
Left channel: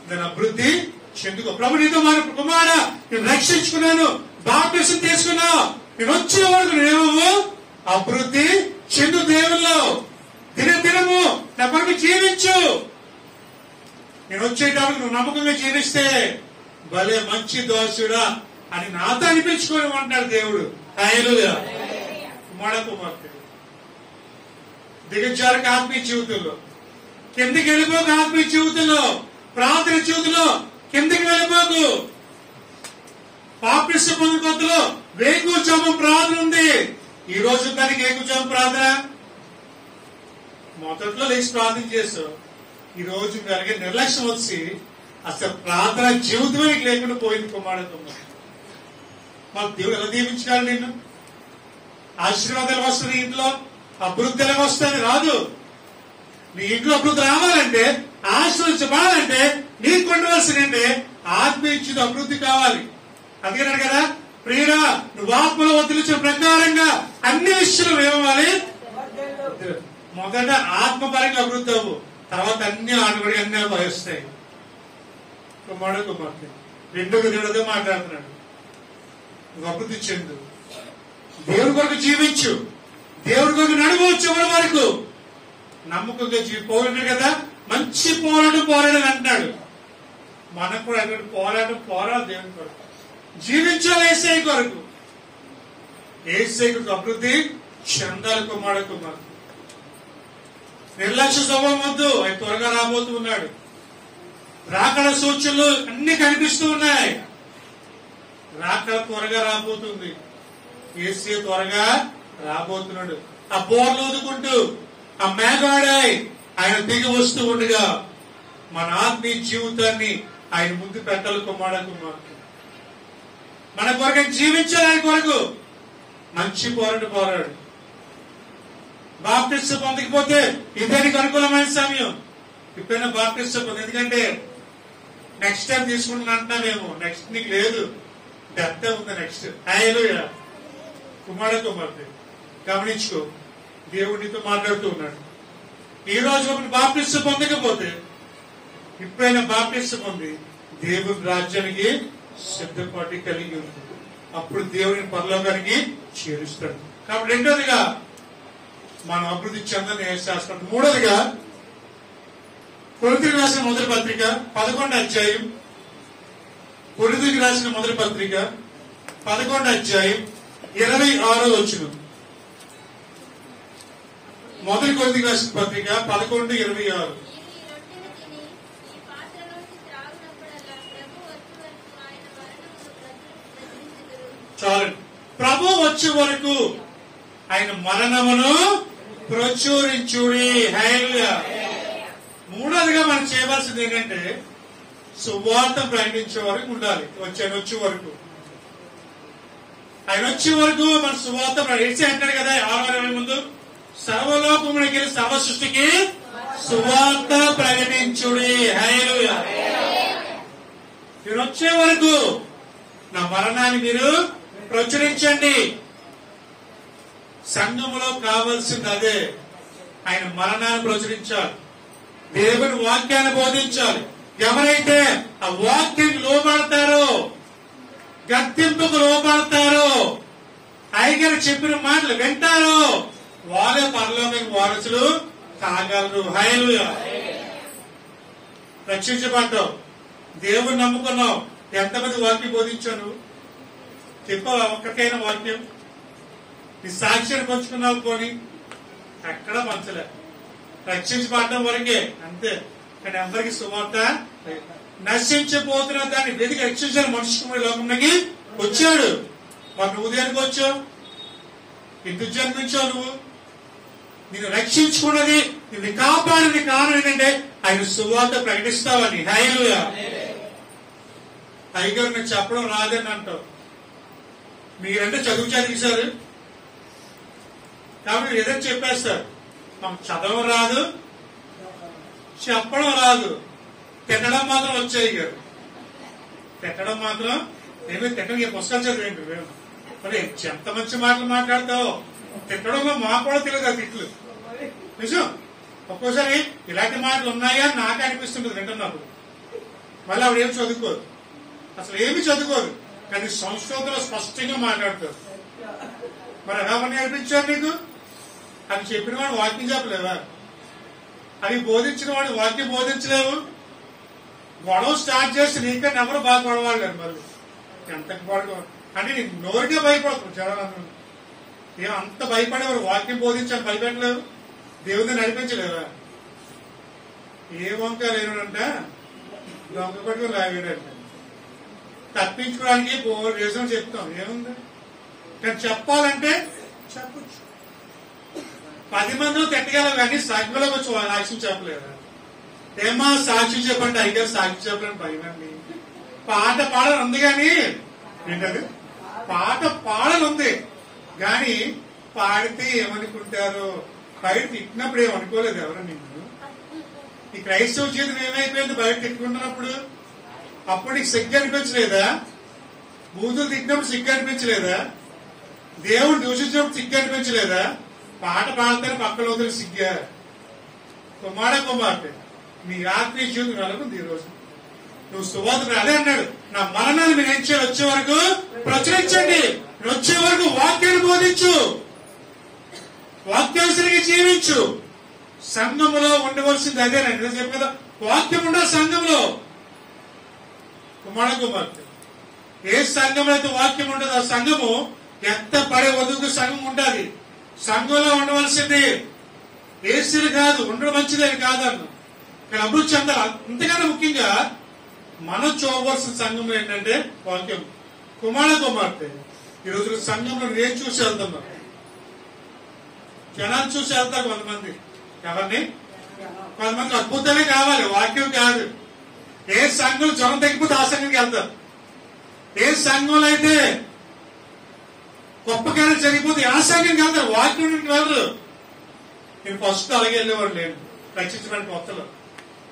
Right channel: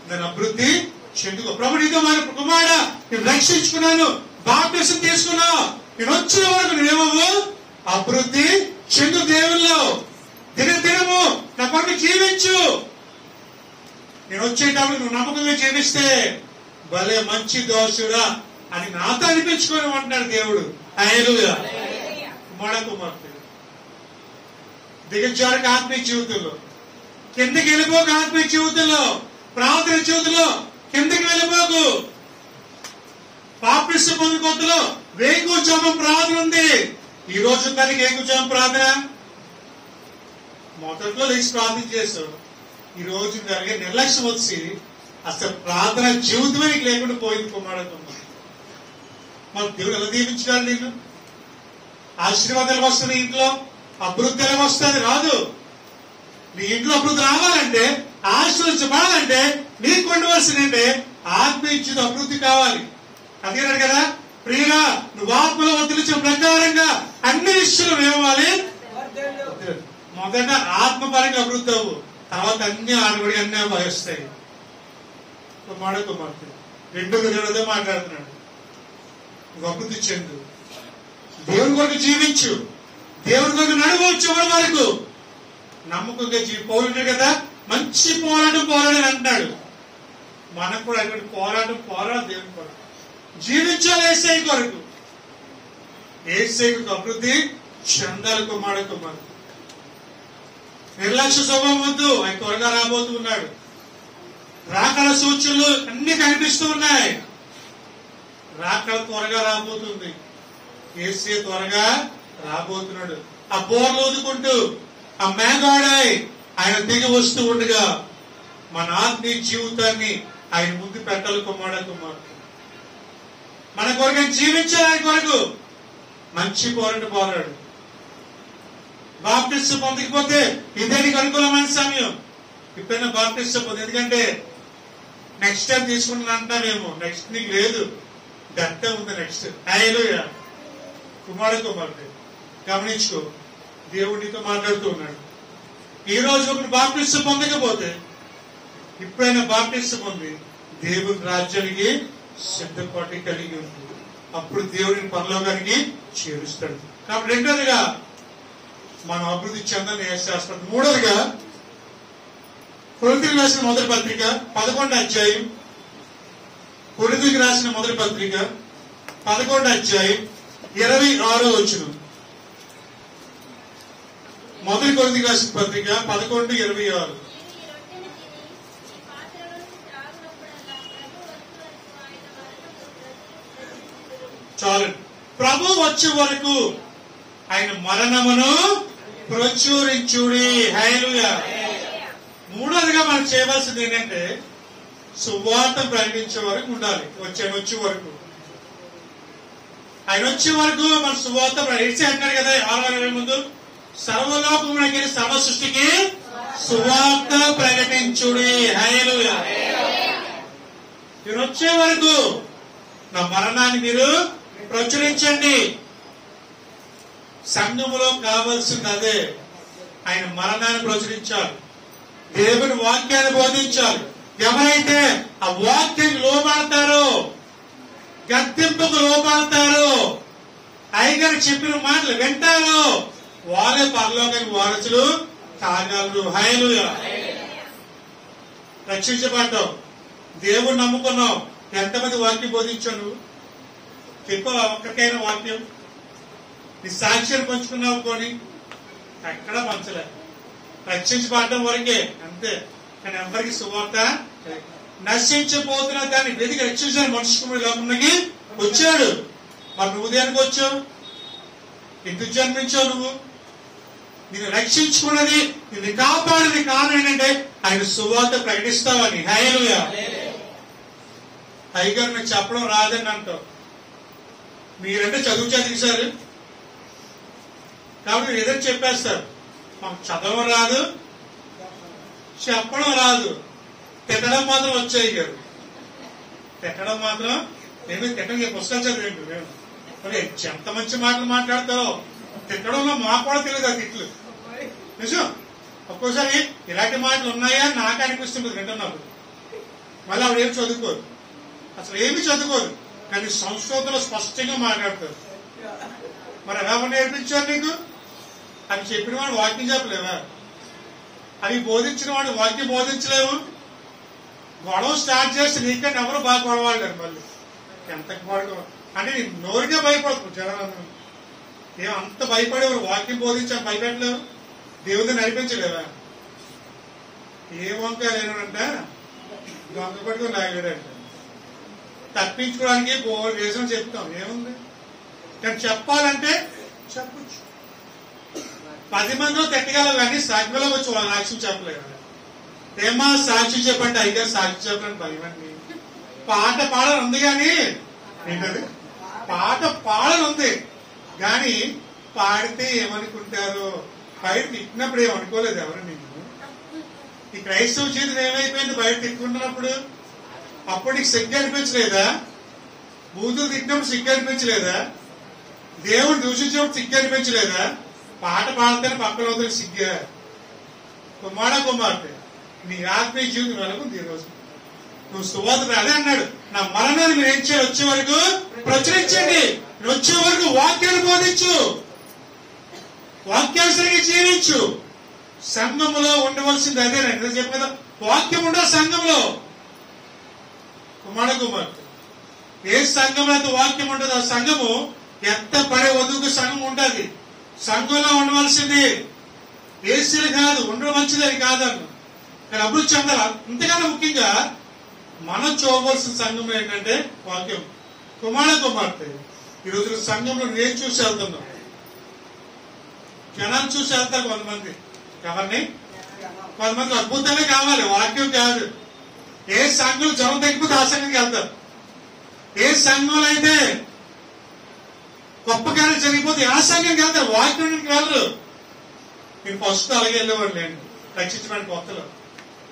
దాని అభివృద్ధి చెందుకో. ప్రభు నీతో మన కుమారుడా నేను రక్షించుకున్నాను, బాప్టిజం తీసుకున్నావు, నేను వచ్చే వరకు నేనేమో అభివృద్ధి చెందు దేవుల్లో. దినదినము నా కొరకు జీవించు. నేను వచ్చేటప్పుడు నువ్వు నమ్మకంగా జీవిస్తే భలే మంచి దోషుడా అని నాతో అనిపించుకొని అంటాడు దేవుడు. హల్లెలూయా. కుమార్తె, దిగజారక ఆత్మీయ జీవితంలో కిందకి వెళ్ళిపోక, ఆత్మీయ జీవితంలో ప్రార్థన జీవితంలో కిందకి వెళ్ళిపోకు. బాప్టిజం పొందిన కొత్తలో వేకువజాము ప్రార్థన ఉంది. ఈ రోజు దానికి వేకువజాము ప్రార్థన మొదట్లో లేచి ప్రార్థన చేస్తావు. ఈ రోజు జరిగే నిర్లక్ష్యం వచ్చి అసలు ప్రార్థన జీవితమే నీకు లేకుండా పోయింది. కుమారుడు, మాకు దేవుడు ఎలా దీవించాలి నిన్ను? ఆశీర్వాదాలు వస్తుంది ఇంట్లో, అభివృద్ధి ఎలా వస్తుంది? రాదు. నీ ఇంట్లో అభివృద్ధి రావాలంటే, ఆశీర్వదించబడాలంటే నీకు ఉండవలసిందంటే ఆత్మీయ అభివృద్ధి కావాలి. అదిగన్నాడు కదా, ప్రియుడా నువ్వు ఆత్మలో వర్తిల్చిన ప్రకారంగా అన్ని విషయాలు ఏమవ్వాలి, మొదట ఆత్మపరంగా అభివృద్ధి అవ్వు, తర్వాత అన్ని ఆడబడి అన్ని వహిస్తాయి. కుమారుడు కుమార్తె రెండోదే మాట్లాడుతున్నాడు. నువ్వు అభివృద్ధి చెందు, దేవుని కొరకు జీవించు, దేవుని కొరకు నడువు, చివరి వరకు నమ్మకంగా పోయింటాడు కదా. మంచి పోరాటం అంటున్నాడు. మనకు కూడా అటువంటి పోరాటం దేవుని కొరకు జీవించాలి, ఏసై కొరకు, ఏసై కొరకు అభివృద్ధి చెందాలి. కుమారుడు కుమార్తె నిర్లక్ష్య స్వభావం వద్దు, ఆయన త్వరగా రాబోతూ ఉన్నాడు. రాకడ సూచనలు అన్ని కనిపిస్తూ ఉన్నాయి. రాకడ త్వరగా రాబోతుంది, ఏసీ త్వరగా రాబోతున్నాడు. ఆ బోర్లు ఊదుకుంటూ ఆ మేఘాడాయి ఆయన దిగి వస్తూ ఉండగా మన ఆత్మీయ జీవితాన్ని ఆయన ముందు పెట్టాలి. కుమారుడు మన కొరకు జీవించాలి, ఆయన కొరకు మంచి పోరాడు. బాప్టిస్ట్ పొందకపోతే ఇదే నీకు అనుకూలమైన సమయం. ఇప్పుడైనా బాప్టిస్ట్ పొంది, ఎందుకంటే నెక్స్ట్ టైం తీసుకుంటున్నాంటామేమో, నెక్స్ట్ నీకు లేదు, డెత్ ఉంది నెక్స్ట్. హల్లెలూయా. కుమారుడు గమనించుకో, దేవుడు నీతో మాట్లాడుతూ ఉన్నాడు. ఈ రోజు ఒకటి బాప్టిస్ట్ పొందకపోతే ఇప్పుడైనా బాప్టిస్ట్ పొంది దేవుని రాజ్యానికి సిద్ధపాటు కలిగి ఉంది. అప్పుడు దేవుడిని పరలోకానికి చేరుస్తాడు. కాబట్టి రెండోదిగా మనం అభివృద్ధి చెందని శాస్త్రం. మూడోదిగా కొరింథీయులకు రాసిన మొదటి పత్రిక 11వ అధ్యాయం, కొరింథీయులకు రాసిన మొదటి పత్రిక 11వ అధ్యాయం 26వ వచనం. మొదటి కొరింథీయులకు రాసిన పత్రిక 11:26. చాలండి. ప్రభు వచ్చే వరకు ఆయన మరణమును ప్రచురించుడి. హల్లెలూయా. మూడోదిగా మనం చేయవలసింది ఏంటంటే సువార్త ప్రకటించే వరకు ఉండాలి. ఆయన వచ్చే వరకు మన సువార్త ప్రకటించి అంటాడు కదా 6:20 ముందు, సర్వలోకమునకి సర్వ సృష్టికి సువార్త ప్రకటించుడి. హల్లెలూయా. మీరు వచ్చే వరకు నా మరణాన్ని మీరు ప్రచురించండి. సంఘములో కావాల్సింది అదే, ఆయన మరణాన్ని ప్రచురించాలి, దేవుని వాక్యాన్ని బోధించాలి. ఎవరైతే ఆ వాక్యం లోబడతారో, గద్దింపుకు లోబడతారో, అయ్యగారు చెప్పిన మాటలు వింటారో, వారే పరలోకానికి వారసులు కాగలరు. హల్లెలూయా. రక్షించబడ్డావు, దేవుని నమ్ముకున్నావు, ఎంతమంది వాక్యం బోధించాను? చెప్పావా ఒక్కరికైనా వాక్యం? నీ సాక్ష్యాన్ని పంచుకున్నావు కొని ఎక్కడ పంచలే. రక్షించబడడం వరకే అంతే, కానీ ఎవరికి సువార్త. నశించిపోతున్న దాన్ని వెతికి రక్షించిన మనిషి లోకంలోకి వచ్చాడు. మరి నువ్వు దేనికి వచ్చావు? ఎందుకు జన్మించావు? నువ్వు నిన్ను రక్షించుకున్నది, నిన్ను కాపాడినది కారణం ఏంటంటే ఆయన సువార్త ప్రకటిస్తావని. హల్లెలూయా. అయ్యగారు నాకు చెప్పడం రాదని అంటావు. మీరంటే చదివించారు కాబట్టి ఏదైనా చెప్పేస్తారు. మాకు చదవడం రాదు, చెప్పడం రాదు, తిట్టడం మాత్రం వచ్చాయి గారు. తిట్టడం మాత్రం నేను తిట్టడం పుస్తకాలు చదివేంటి మేము. మరి ఎంత మంచి మాటలు మాట్లాడతావు. తిట్టడంలో మాకు కూడా తెలియదు ఆ తిట్లు. నిజం. ఒక్కోసారి ఇలాంటి మాటలు ఉన్నాయా అని నాకు అనిపిస్తుంది వింటున్నప్పుడు. మళ్ళీ ఆవిడ ఏమి చదువుకోదు, అసలు ఏమి చదువుకోదు, కానీ సంస్కృతంలో స్పష్టంగా మాట్లాడతారు. మరి ఎవరు నేర్పించారు నీకు? అవి చెప్పిన వాడు వాక్యం చెప్పలేవా? అవి బోధించిన వాడు వాక్యం బోధించలేవు. గొడవ స్టార్ట్ చేసి నీకన్నా ఎవరు బాగా గొడవలేరు. మళ్ళీ ఎంతకు పడుకో అంటే నీకు నోరుకే భయపడతారు జనాలందరూ. అంత భయపడేవారు వాక్యం బోధించాలి, భయపెట్టలేవు, దేవుడిని నడిపించలేవా? ఏ వంక లేనంట దొంగ పట్టుకుని లాగాడంట. తప్పించుకోవడానికి రీజన్ చెప్తాం, ఏముంది? కానీ చెప్పాలంటే చెప్పచ్చు. 10 మందిలో తిట్టగలవు కానీ సాక్షిలో వచ్చి సాక్ష్యం చెప్పలేదా? ఏమా సాక్షి చెప్పండి, అయితే సాక్షి చెప్పడానికి భయం అండి. పాట పాడని ఉంది కానీ ఏంటది, పాట పాడని ఉంది కానీ పాడితే ఏమనుకుంటారో, బయట తిట్టినప్పుడు ఏమనుకోలేదు ఎవరు నిన్ను. ఈ క్రైస్తవ జీవితం ఏమైపోయింది? బయట తిట్టుకుంటున్నప్పుడు అప్పుడు నీకు సిగ్గు అనిపించలేదా? బూతులు తిట్టినప్పుడు సిగ్గు అనిపించలేదా? దేవుడు దూషించినప్పుడు సిగ్గు అనిపించలేదా? పాట పాడితేనే పక్కన వదిలి సిగ్గా? కుమార్తె నీ ఆత్మీయ జీవితం వెలకుంది ఈ రోజు. నువ్వు సువార్త అదే అన్నాడు, నా మరణాన్ని మీరు ఏం చేయాలి? వచ్చే వరకు ప్రచురించండి. వచ్చే వరకు వాక్యాన్ని బోధించు, వాక్యానుసరిగా జీవించు. సంఘములో ఉండవలసింది అదేనండి. నేను చెప్పు కదా, వాక్యం ఉండదు సంఘంలో. కుమార్తె ఏ సంఘంలో అయితే వాక్యం ఉండదు ఆ సంఘము ఎంత పడే వదుకు సంఘం ఉంటుంది. సంఘంలో ఉండవలసింది ఏసీలు కాదు, ఉండడం మంచిదని కాదన్ను. ఇక్కడ అభివృద్ధి చెందాలి. అంతకన్నా ముఖ్యంగా మనం చూడవలసిన సంఘంలో ఏంటంటే వాక్యం. కుమార్తె ఈ రోజు సంఘంలో నేను చూసి వెళ్తున్నాం. జనాన్ని చూసి వెళ్తారు కొంతమంది. ఎవరిని? కొంతమంది అద్భుతమే కావాలి, వాక్యం కాదు. ఏ సంఘంలో జ్వరం తగ్గిపోతే ఆ సంఘంకి వెళ్తారు. ఏ సంఘంలో అయితే గొప్ప కార్యం జరిగిపోతే ఆ సంఘంకి వెళ్తారు, వాక్యానికి వెళ్ళరు. నేను ఫస్ట్ అలాగే వెళ్ళేవాడు. నేను రక్షించడానికి కొత్తలో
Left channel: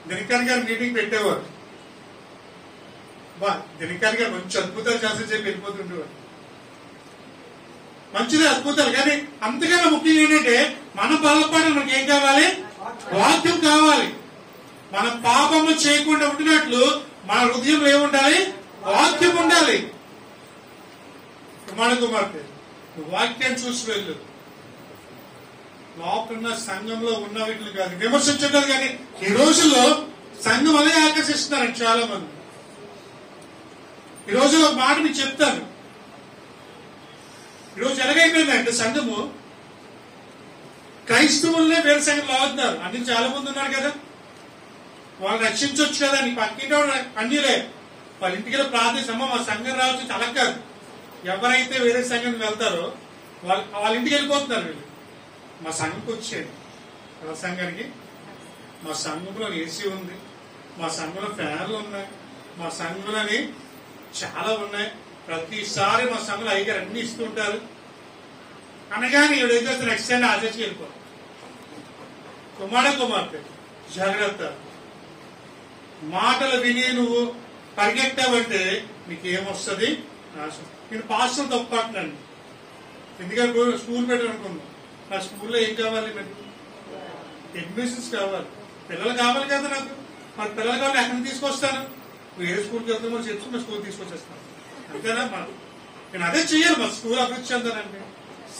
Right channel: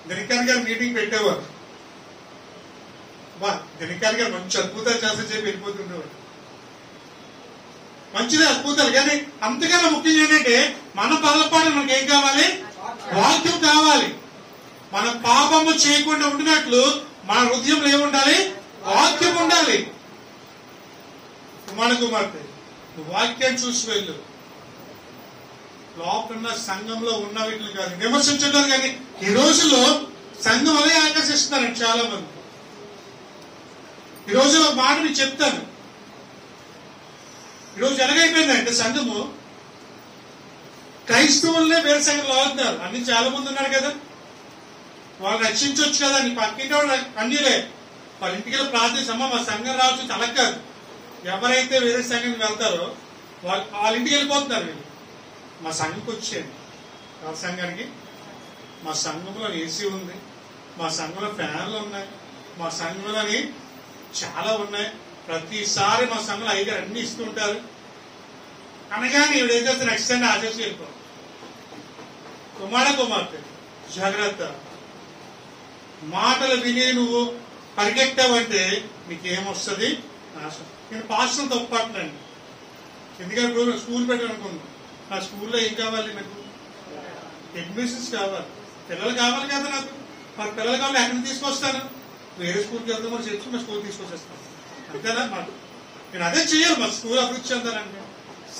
దినకర్ గారు మీటింగ్ పెట్టేవారు. దినకర్ గారు మంచి అద్భుతాలు చేస్తే చెప్పి వెళ్ళిపోతుండేవాడు. మంచిదే అద్భుతాలు, కానీ అంతకన్నా ముఖ్యంగా ఏంటంటే మన బలపడి మనకి ఏం కావాలి? వాక్యం కావాలి. మన పాపము చేయకుండా ఉండినట్లు మన హృదయంలో ఏముండాలి? వాక్యం ఉండాలి. కుమార్తె వాక్యాన్ని చూసి వెళ్ళు. లోపల సంఘంలో ఉన్న వీటిని కాదు విమర్శించట్లేదు, కానీ ఈ రోజుల్లో సంఘం అదే ఆకర్షిస్తున్నారండి చాలా మంది. ఈ రోజు ఒక మాట మీకు చెప్తాను. ఈరోజు ఎలాగైపోయిందంటే సంఘము క్రైస్తవులనే వేరే సంఘంలో అవుతున్నారు. అన్ని చాలా మంది ఉన్నారు కదా, వాళ్ళు రక్షించవచ్చు కదా. నీ పక్కింటి వాళ్ళు అన్యులే, వాళ్ళ ఇంటికి ప్రార్థించమ్మా మా సంఘం రావచ్చు అలా కాదు. ఎవరైతే వేరే సంఘానికి వెళ్తారో వాళ్ళ ఇంటికి వెళ్ళిపోతున్నారు. వీళ్ళు మా సంఘంకి వచ్చేయండి. ఎవరి సంఘానికి? మా సంఘంలో ఏసీ ఉంది, మా సంఘంలో ఫ్యాన్లు ఉన్నాయి, మా సంఘంలోని చాలా ఉన్నాయి, ప్రతిసారి మా సంఘంలో అయ్యగారు అన్ని ఇస్తూ ఉంటారు అనగానే ఈవిడ ఏం చేస్తే నెక్స్ట్ టైం ఆచరించి వెళ్ళిపో. కుమార్తె జాగ్రత్త. మాటలు విని నువ్వు పరిగెట్టావంటే నీకేమొస్తుంది? నాశనం. నేను పాస్టర్లు తప్పట్నండి. ఎందుకంటే స్కూల్ పెట్టాను అనుకున్నాను. ఆ స్కూల్లో ఏం కావాలి? నాకు అడ్మిషన్స్ కావాలి, పిల్లలు కావాలి కదా నాకు. మరి పిల్లలు కావాలి ఎక్కడికి తీసుకొస్తాను? వేరే స్కూల్కి వెళ్తే మరి చర్చి మా స్కూల్ తీసుకొచ్చేస్తాను అంతేనా? మరి నేను అదే చెయ్యాలి. మా స్కూల్ అభివృద్ధి చెందాలంటే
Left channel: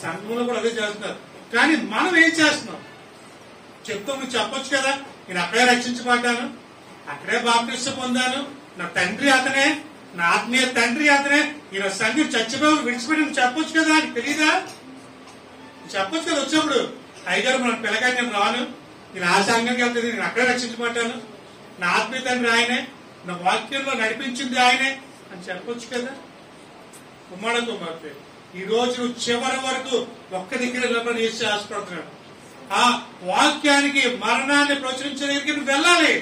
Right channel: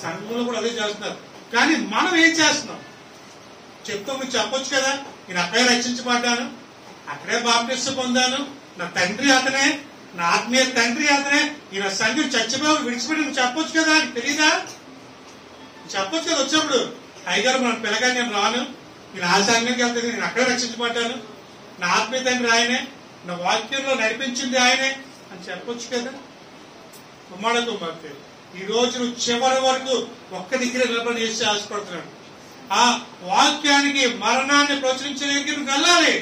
సంఘంలో కూడా అదే చేస్తున్నారు. కానీ మనం ఏం చేస్తున్నాం? చెప్తాం, నువ్వు చెప్పొచ్చు కదా, నేను అక్కడే రక్షించబడ్డాను, అక్కడే బాప్టిస్మ పొందాను, నా తండ్రి అతనే, నా ఆత్మీయ తండ్రి అతనే, ఈయన సంఘం చచ్చిపోయి విడిచిపెట్టి నువ్వు చెప్పొచ్చు కదా. నీకు తెలీదా? చెప్పొచ్చు కదా. వచ్చినప్పుడు అయ్యగారు మన పిల్లగాని నేను రాను, నేను ఆ సంఘంకి వెళ్తే నేను అక్కడే రక్షించబడ్డాను, నా ఆత్మీయ తండ్రి ఆయనే, నా వాక్యంలో నడిపించింది ఆయనే అని చెప్పొచ్చు కదా. కుమార్తె ఈ రోజు నువ్వు చివరి వరకు ఒక్క దగ్గర నిలబడి చేసి ఆశపడుతున్నాడు. ఆ వాక్యానికి మరణాన్ని ప్రచురించే దగ్గరికి నువ్వు వెళ్ళాలి.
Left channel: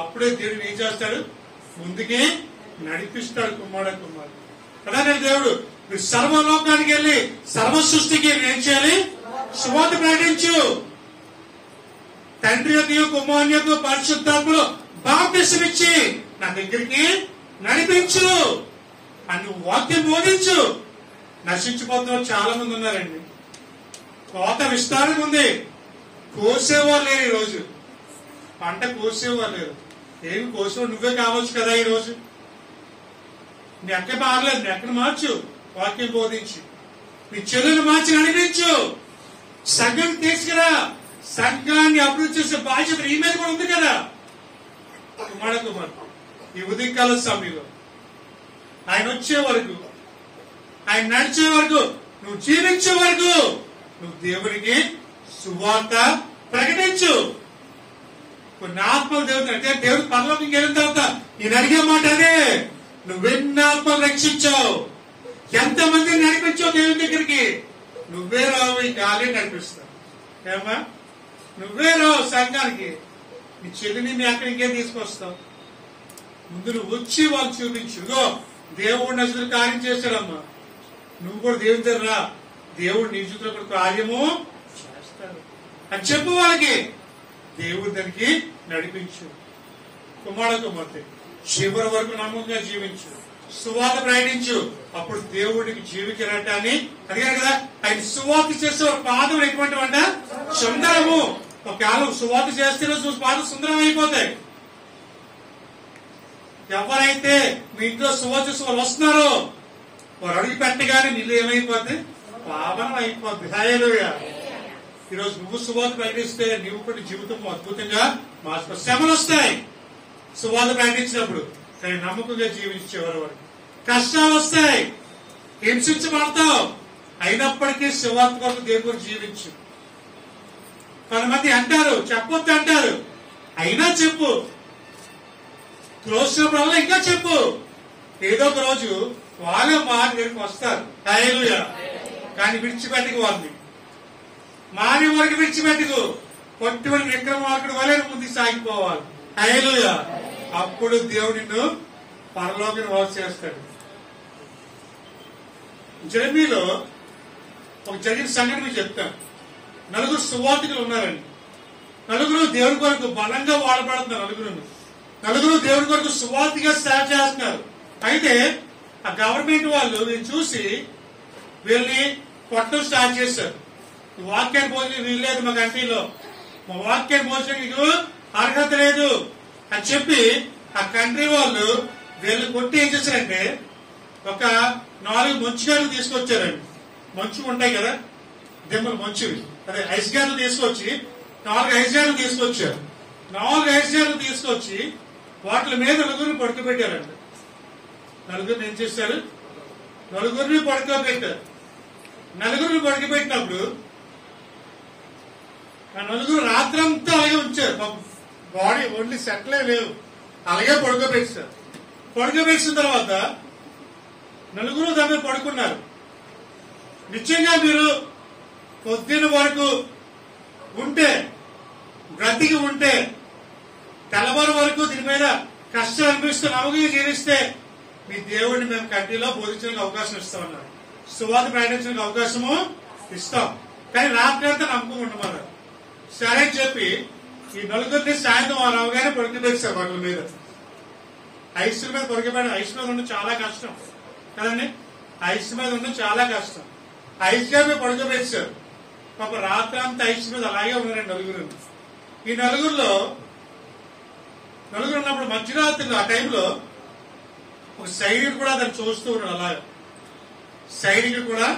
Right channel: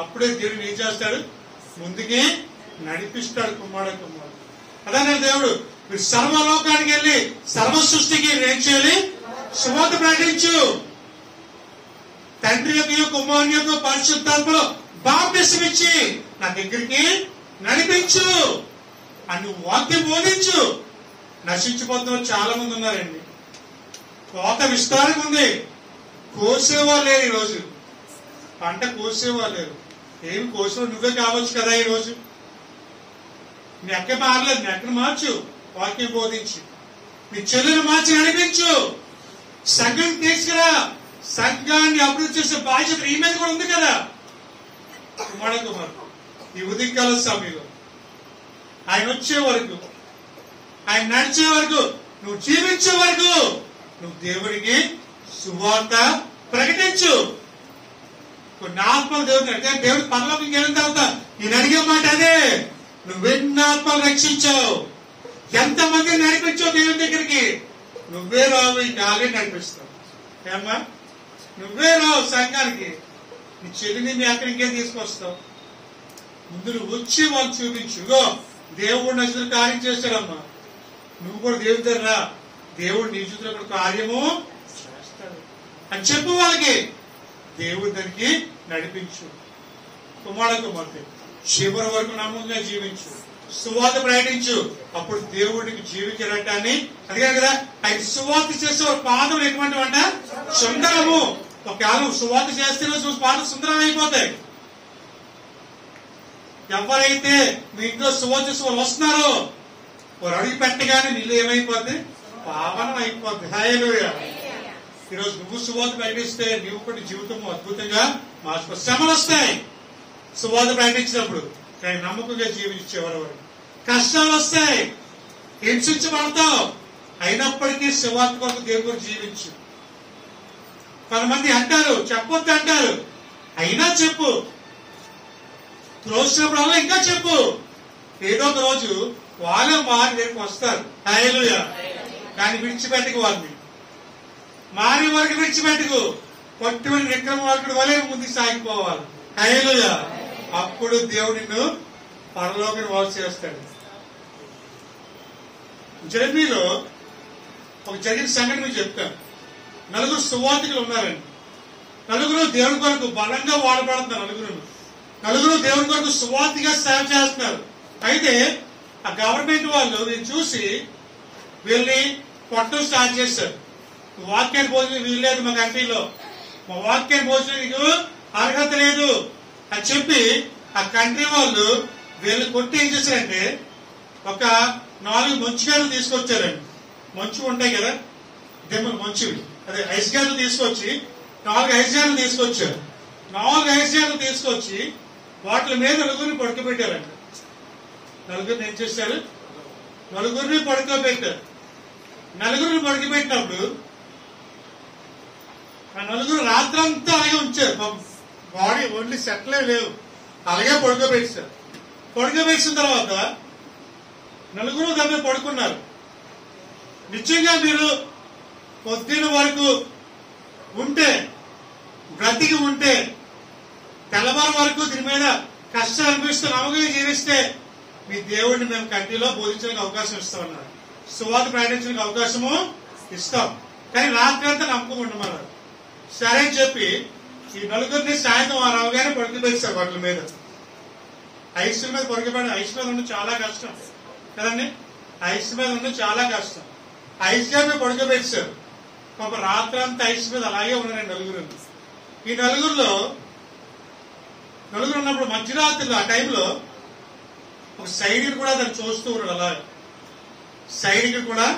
అప్పుడే దేవుడు ఏం చేస్తాడు? ముందుకి నడిపిస్తాడు. కుమార్తె అదే దేవుడు మీరు సర్వలోకానికి వెళ్ళి సర్వ సృష్టికి ఏం చేయాలి? సువార్త ప్రకటించు. తండ్రి యొక్క కుమారుని యొక్క పరిశుద్ధాత్మలో బాప్టిజం ఇచ్చి నా దగ్గరికి నడిపించు అని నువ్వు వాక్యం బోధించు. నశించిపోతున్న చాలా మంది ఉన్నారండి. కోత విస్తారంగా ఉంది, కోసేవాళ్ళు లేరు. ఈరోజు పంట కోసేవాళ్ళు లేరు. ఏమి కోసేవాడు నువ్వే కావచ్చు కదా. ఈరోజు నీ అక్క మారలేదు, నీ అక్కను మార్చు, వాక్యం బోధించి నీ చెల్లెలు మార్చి నడిపించు. సంఘం తీసుకురా. సంఘాన్ని అభివృద్ధి చేసే బాధ్యత ఈ మీద కూడా ఉంది కదా. కుమార్ ఈ ఉదయకాల సమయంలో ఆయన వచ్చే వరకు, ఆయన నడిచే వరకు, నువ్వు జీవించే వరకు నువ్వు దేవుడికి సువార్త ప్రకటించు. కొన్ని ఆత్మలు దేవుడిని అంటే దేవుడు పరలోకం వెళ్ళిన తర్వాత నేను అడిగే మాట అదే, నువ్వెన్ని ఆత్మలు రక్షించావు, ఎంతమందిని నడిపించావు దేవుని దగ్గరికి. నువ్వే రావు, ఈ గాలి నడిపిస్తావు. ఏమ్మా నువ్వే రావు సంఘానికి. నీ చెల్లిని మీ అక్కడికి ఇంకేం తీసుకొస్తావు? ముందు నువ్వు వచ్చి వాళ్ళు చూపించు. దేవుడు నచ్చిన కార్యం చేశాడమ్మా, నువ్వు కూడా దేవుని దగ్గర రా, దేవుడు నీ జీవితంలో కూడా కార్యము చేస్తాడు అని చెప్పు వాళ్ళకి. దేవుడు దానికి నడిపించు. కుమార్తె చివరి వరకు నమ్మకంగా జీవించు. సువార్త ప్రకటించు, అప్పుడు దేవుడికి జీవ కిరీటాన్ని అడిగారు కదా. ఆయన సువార్త చేసే ఒక పాదం ఎటువంటి అంట సుందరము. ఒకవేళ సువార్త చేస్తే పాదం సుందరం అయిపోతాయి. ఎవరైతే మీ ఇంట్లో సువార్త చేసే వాళ్ళు వస్తున్నారో వారు అడిగి పెట్టగానే నీళ్ళు ఏమైపోద్ది, పావనం అయిపోద్ది. హల్లెలూయా. ఈరోజు నువ్వు సువార్త ప్రకటిస్తే నీవు కూడా జీవితం అద్భుతంగా మార్చుకో. శ్రమలు వస్తాయి సువార్త ప్రకటించినప్పుడు, కానీ నమ్మకంగా జీవించేవారు. కష్టాలు వస్తాయి, హింసించబడతావు, అయినప్పటికీ సువార్త కొరకు దేవుని గురించి జీవించు. కొంతమంది అంటారు చెప్పొద్దు అంటారు, అయినా చెప్పు. తోచినప్పుడల్లా ఇంకా చెప్పు. ఏదో ఒక రోజు వాళ్ళు మారి దగ్గరికి వస్తారు. హల్లెలూయా. కానీ విడిచిపెట్టకు వారిని, మారి వరకు విడిచిపెట్టుకు. కొట్టుకుని విక్రమార్కుడు వలె ముందుకు సాగిపోవాలి. హల్లెలూయా. అప్పుడు దేవుడు నిన్ను పరలోకం వాసు చేస్తాడు. జెరెమీలో ఒక జరిగిన సంఘటన మీకు చెప్తాను. నలుగురు సువార్తికులు ఉన్నారండి. నలుగురు దేవుడి కొరకు బలంగా వాడబడుతున్నారు. నలుగురు దేవుడి కొరకు సువార్తిగా సేవ చేస్తున్నారు. అయితే ఆ గవర్నమెంట్ వాళ్ళు వీళ్ళు చూసి వీళ్ళని కొట్టడం స్టార్ట్ చేశారు. వాక్యాన్ని భోజనం వీల్లేదు మా కంట్రీలో, మా వాక్యాన్ని భోజనం నీకు అర్హత లేదు అని చెప్పి ఆ కంట్రీ వాళ్ళు వీళ్ళు కొట్టి ఏం చేశారంటే ఒక 4 మంచుగారులు తీసుకొచ్చారండి. మంచు ఉంటాయి కదా దిమ్మలు, మంచు అదే ఐస్ గారులు తీసుకొచ్చి 4 ఐస్ గారులు తీసుకొచ్చారు. 4 ఐస్ గారులు తీసుకొచ్చి వాటి మీద నలుగురిని పడుకోబెట్టారంట. నలుగురిని ఏం చేశారు, నలుగురిని పడుకోబెట్టారు. నలుగురిని పడుకోబెట్టినప్పుడు ఆ నలుగురు రాత్రంతా అలాగే ఉంచారు. బాడీ ఓన్లీ సెట్లే లేవు, అలాగే పడుకోబెట్టారు. పడుకోబెట్టిన తర్వాత నలుగురు దాని మీద పడుకున్నారు. నిశ్చయంగా మీరు పొద్దున వరకు ఉంటే, బ్రతికి ఉంటే, తెల్లవారు వరకు దీని మీద కష్టం అనిపిస్తూ నమ్మకంగా జీవిస్తే మీ దేవుడిని మేము కంట్రీలో బోధించడానికి అవకాశం ఇస్తామన్నారు. సువార్త ప్రకటించడానికి అవకాశము ఇస్తాం, కానీ రాత్రి అంతా నమ్మకం ఉండమన్నారు. సరే అని చెప్పి ఈ నలుగురిని సాయంత్రం రావుగానే పడుకోబెట్టారు. వాటి మీద ఐస్ మీద పడుకోబెట్టారు. ఐస్ మీద ఉండడం చాలా కష్టం కదండి. ఐస్ మీద ఉండడం చాలా కష్టం. ఐస్ మీద పడుకోబెట్టారు. ఒక రాత్రి అంతా ఐస్ మీద అలాగే ఉన్నారండి నలుగురు. ఈ నలుగురు ఉన్నప్పుడు మధ్యరాత్రిలో ఆ టైంలో ఒక సైనికుడు కూడా దాన్ని చూస్తూ ఉన్నాడు. అలాగా సైనికుడు కూడా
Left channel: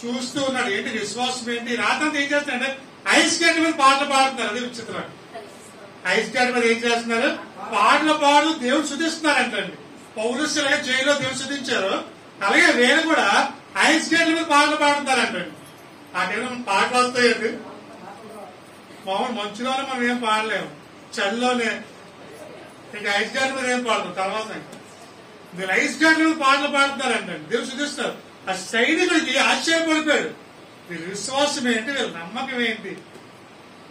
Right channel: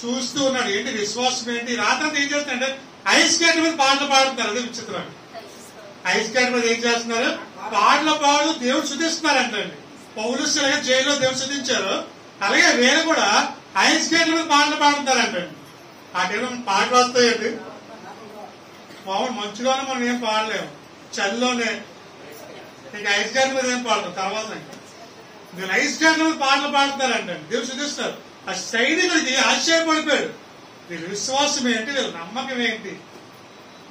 చూస్తూ ఉన్నాడు. ఏంటి విశ్వాసం ఏంటి? రాత్రి ఏం చేస్తున్నారంటే ఐస్ గడ్డ మీద పాటలు పాడుతున్నారు. అదే విచిత్రం. ఐస్ గడ్డ మీద ఏం చేస్తున్నారు? పాటలు పాడు దేవుడు శుద్ధిస్తున్నారంటండి. పౌలులాగా జైల్లో దేవుడు శుద్ధించారు, అలాగే వేరే కూడా ఐస్ గడ్డ మీద పాటలు పాడుతున్నారంటండి. ఆ టైంలో పాటలు వస్తాయండి. మామూలు మంచులోనే మనం ఏం పాడలేము, చలిలోనే. ఇంకా ఐస్ గడ్డ మీద ఏం పాడతాం తర్వాత. వీళ్ళు ఐస్ గడ్డ మీద పాటలు పాడుతున్నారంటండి, దేవుడు శుద్ధిస్తారు. ఆ సైనికుడికి ఆశ్చర్యపడిపోయాడు. వీళ్ళ విశ్వాసం ఏంటి, వీళ్ళ నమ్మకం ఏంటి?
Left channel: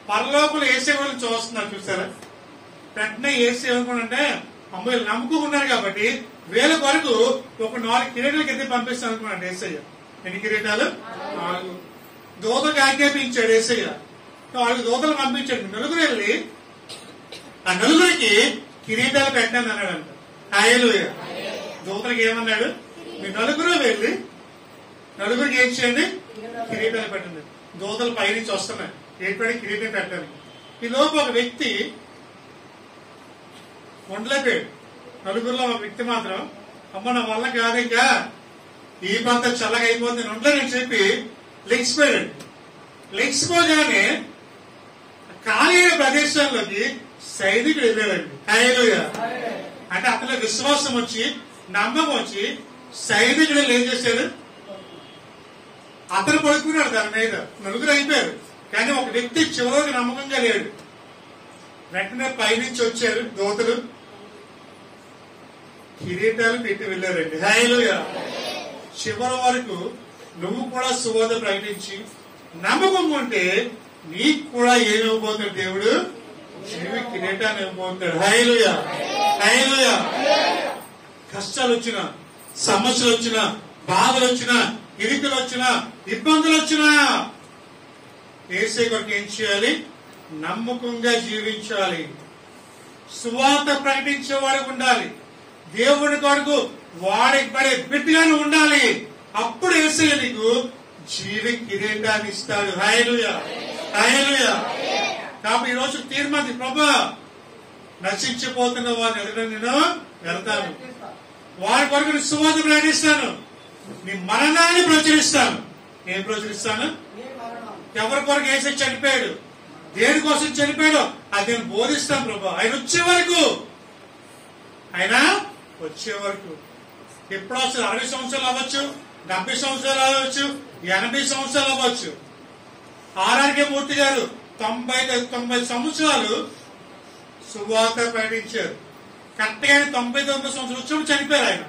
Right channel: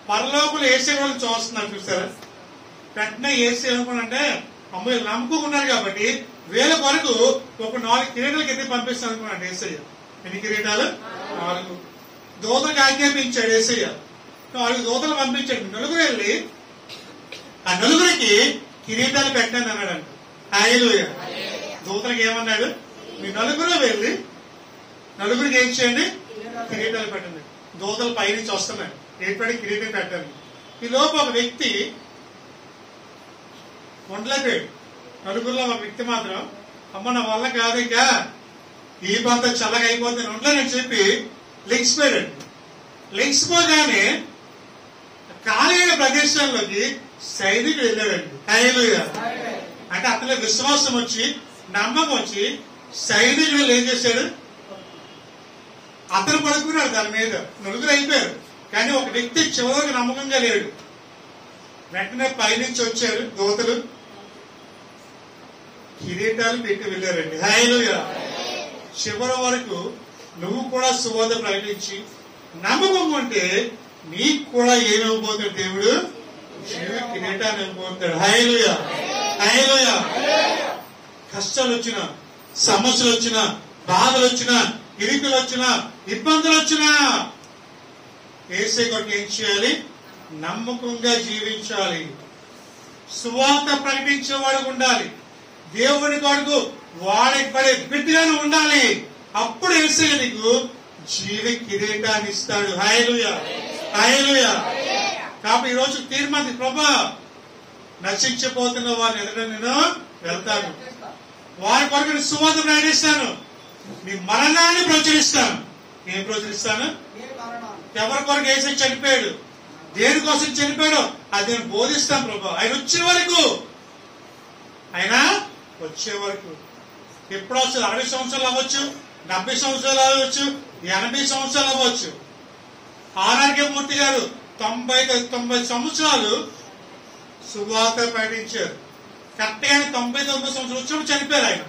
పరలోకులు ఏసే వాళ్ళని చూస్తున్నారు చూసారా. వెంటనే ఏసే అంటే అమ్మ వీళ్ళు నమ్ముకున్నారు కాబట్టి వీళ్ళ కొరకు ఒక 4 కిరీటాలు కింద పంపిస్తాను అనుకున్నాడు ఏసయ్య. ఎన్ని కిరీటాలు? 4. దూతలకు ఆజ్ఞాపించాడు ఏసయ్య. 4 దూతలు పంపించాడు. నలుగురు వెళ్ళి ఆ నలుగురికి కిరీటాలు పెట్టండి అన్నాడంట. హల్లెలూయా. దూతలకు ఏమన్నాడు? మీ నలుగురు వెళ్ళి నలుగురికి ఏం చేయండి? కిరీటాలు పెట్టండి. దూతలు పైనుంచి వస్తున్నాయి, ఏర్పడి కిరీటం పెట్టండి. ఈ లోపు ఒక వ్యక్తి ఉండలేకపోయాడు. నలుగురిలో ఒక వ్యక్తి మాత్రం అమ్మ నా వల్ల కాదు, ఇంకా ఈ పంత చల్లగా అయిపోతుంది ఉండలేనని చెప్పి లెగిసిపోయాడు. లెగిసిపోగానే ఖాళీ అయిన ప్రదేశాల్లోకి సైనికుడు వెళ్ళాడండి. హల్లెలూయా. అంటే అతని విశ్వాసం వచ్చి, నమ్మకం వచ్చి సైనికుడు ఏం చేశాడు? అతను పడుకున్నాడు దాని మీద. నలుగురు అయిపోయారు, కానీ ఒక వ్యక్తి చివరికి నమ్మకంగా లేడు. వెంటనే పైనుంచి వచ్చారు దూతలు, కిరీటాలు పెట్టి వెళ్ళారండి. హల్లెలూయా. చివరి వరకు నువ్వు కూడా సువార్త ప్రకటించి నమ్మకం ఉంటే నీకు కూడా ఏమివ్వబోతాడు దేవుడు? జీవ కిరీటాన్ని ఇవ్వబోతాడు. హల్లెలూయా. హల్లెలూయా. కష్టాలు వచ్చినా, సమస్యలు వచ్చినా, బాధలు వచ్చినా, ఇరుకులు వచ్చినా, ఇబ్బందులు వచ్చినా యేసే కొరకు ఏం చేయాలి? నమ్మకంగా జీవించాలి. సువార్త ప్రకటించేవాడు ఉండాలి. దేవుని కొరకు వాడబడే బిడ్డగాను ఉండాలి. అప్పుడు యేసయ్య నీకు జీవ కిరీటాన్ని ఇస్తాడు. హల్లెలూయా, హల్లెలూయా. కాబట్టి ఈ రోజు తీర్మానం, ప్రభా నశించిపోతున్న వారిని ఎదుట నేను వెళ్తాను, వారి కొరకు నీ సువార్త ప్రకటిస్తాను, నీ మరణాన్ని ప్రచురిస్తాను. ఏం ప్రచురిస్తాను? ఎవరి కొరకు యేసయ్య చనిపోయాడు, దేనికోసం చనిపోయాడో అది నేను బోధిస్తాను ప్రభా. ఆయన వచ్చే వరకు, ఆయన వచ్చే వరకు. ఎప్పుడు వస్తుంది? 60 సంవత్సరాలు అవ్వచ్చు, 70 సంవత్సరాలు అవ్వచ్చు, 80 సంవత్సరాలు అవ్వచ్చు. ఆర్ఆర్కే మూర్తి గారు 90 సంవత్సరాలు సువార్త ప్రకటించారు. కరెక్ట్ గానే 99 సంవత్సరాలు వచ్చినప్పుడు చనిపోయారు.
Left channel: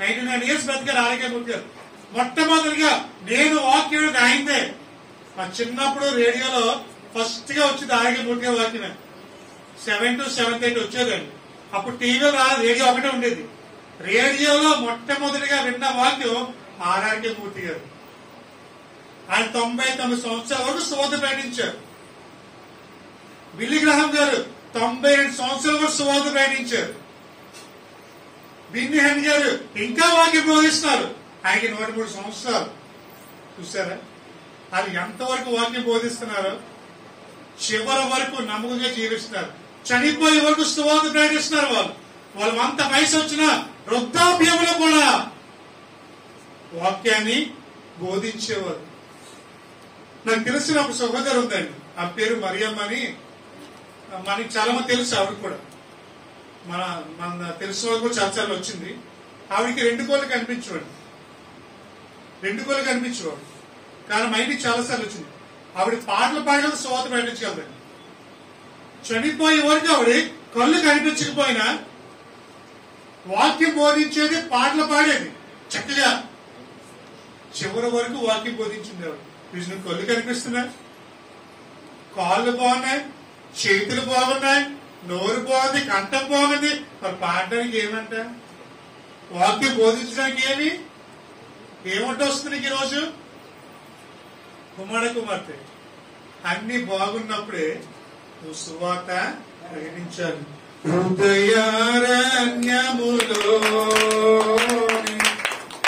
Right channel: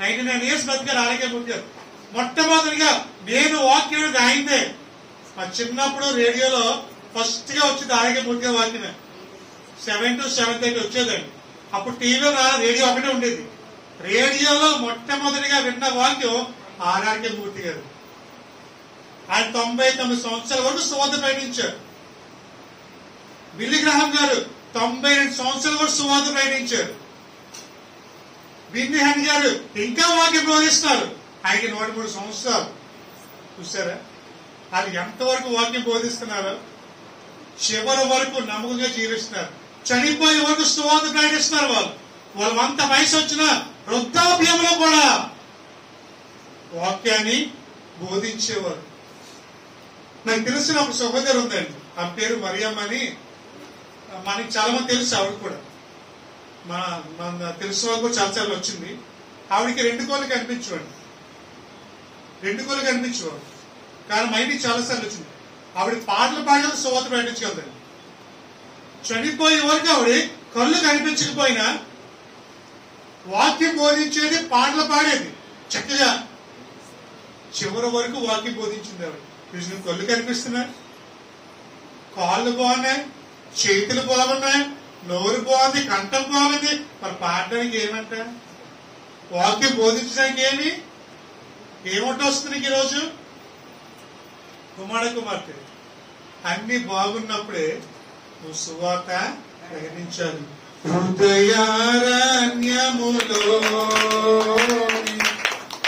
ఆయన 99 years బతికారు ఆర్ఆర్కే మూర్తి గారు. మొట్టమొదటిగా నేను వాక్యం ఆయనదే. మా చిన్నప్పుడు రేడియోలో ఫస్ట్ గా వచ్చింది ఆర్ఆర్కే మూర్తి గారి వాక్యమే. 7 to 7:30 వచ్చేదండి. అప్పుడు టీవీలో రేడియో ఒకటే ఉండేది. రేడియోలో మొట్టమొదటిగా విన్న వాక్యం ఆర్ఆర్కే మూర్తి గారు. ఆయన 99 సంవత్సరాల వరకు సువార్త ప్రకటించారు. బిల్లీ గ్రహాం గారు 92 సంవత్సరాల వరకు సువార్త ప్రకటించారు. బిన్నీ హన్ గారు ఇంకా వాక్యం బోధిస్తున్నారు. ఆయనకి 103 సంవత్సరాలు. చూసారా వాళ్ళు ఎంతవరకు వాక్యం బోధిస్తున్నారో? చివరి వరకు నమ్మకంగా జీవిస్తున్నారు. చనిపోయే వరకు సువార్త ప్రకటిస్తున్నారు. వాళ్ళంత వయసు వచ్చిన వృద్ధాప్యంలో కూడా వాక్యాన్ని బోధించేవారు. నాకు తెలిసిన ఒక సహోదరు ఉందండి, ఆ పేరు మరియమ్మ అని. మనకి చాలా మంది తెలుసు. ఆవిడ కూడా మన తెలిసిన వాళ్ళు కూడా చాలాసార్లు వచ్చింది. ఆవిడికి 2 కోళ్ళు కనిపించేవాడు, 2 కోళ్ళు కనిపించేవాడు. కానీ మా ఇంటికి చాలాసార్లు వచ్చింది. ఆవిడ పాటలు పాడగలదు, సువార్త ప్రకటించగలదండి. చనిపోయే వరకు ఆవిడ కళ్ళు కనిపించకపోయినా వాక్యం బోధించేది, పాటలు పాడేది చక్కగా. చివరి వరకు వాక్యం బోధించింది ఆవిడ. నీకు కళ్ళు కనిపిస్తున్నాయి, కాళ్ళు బాగున్నాయి, చేతులు బాగున్నాయి, నోరు బాగుంది, కంఠం బాగుంది, మరి పాడడానికి ఏమంట? వాక్యం బోధించడానికి ఏమంట వస్తుంది నీకు ఈరోజు? కుమార్తె అన్ని బాగున్నప్పుడే నువ్వు సువార్త ప్రకటించాలి. హృదయారణ్యములో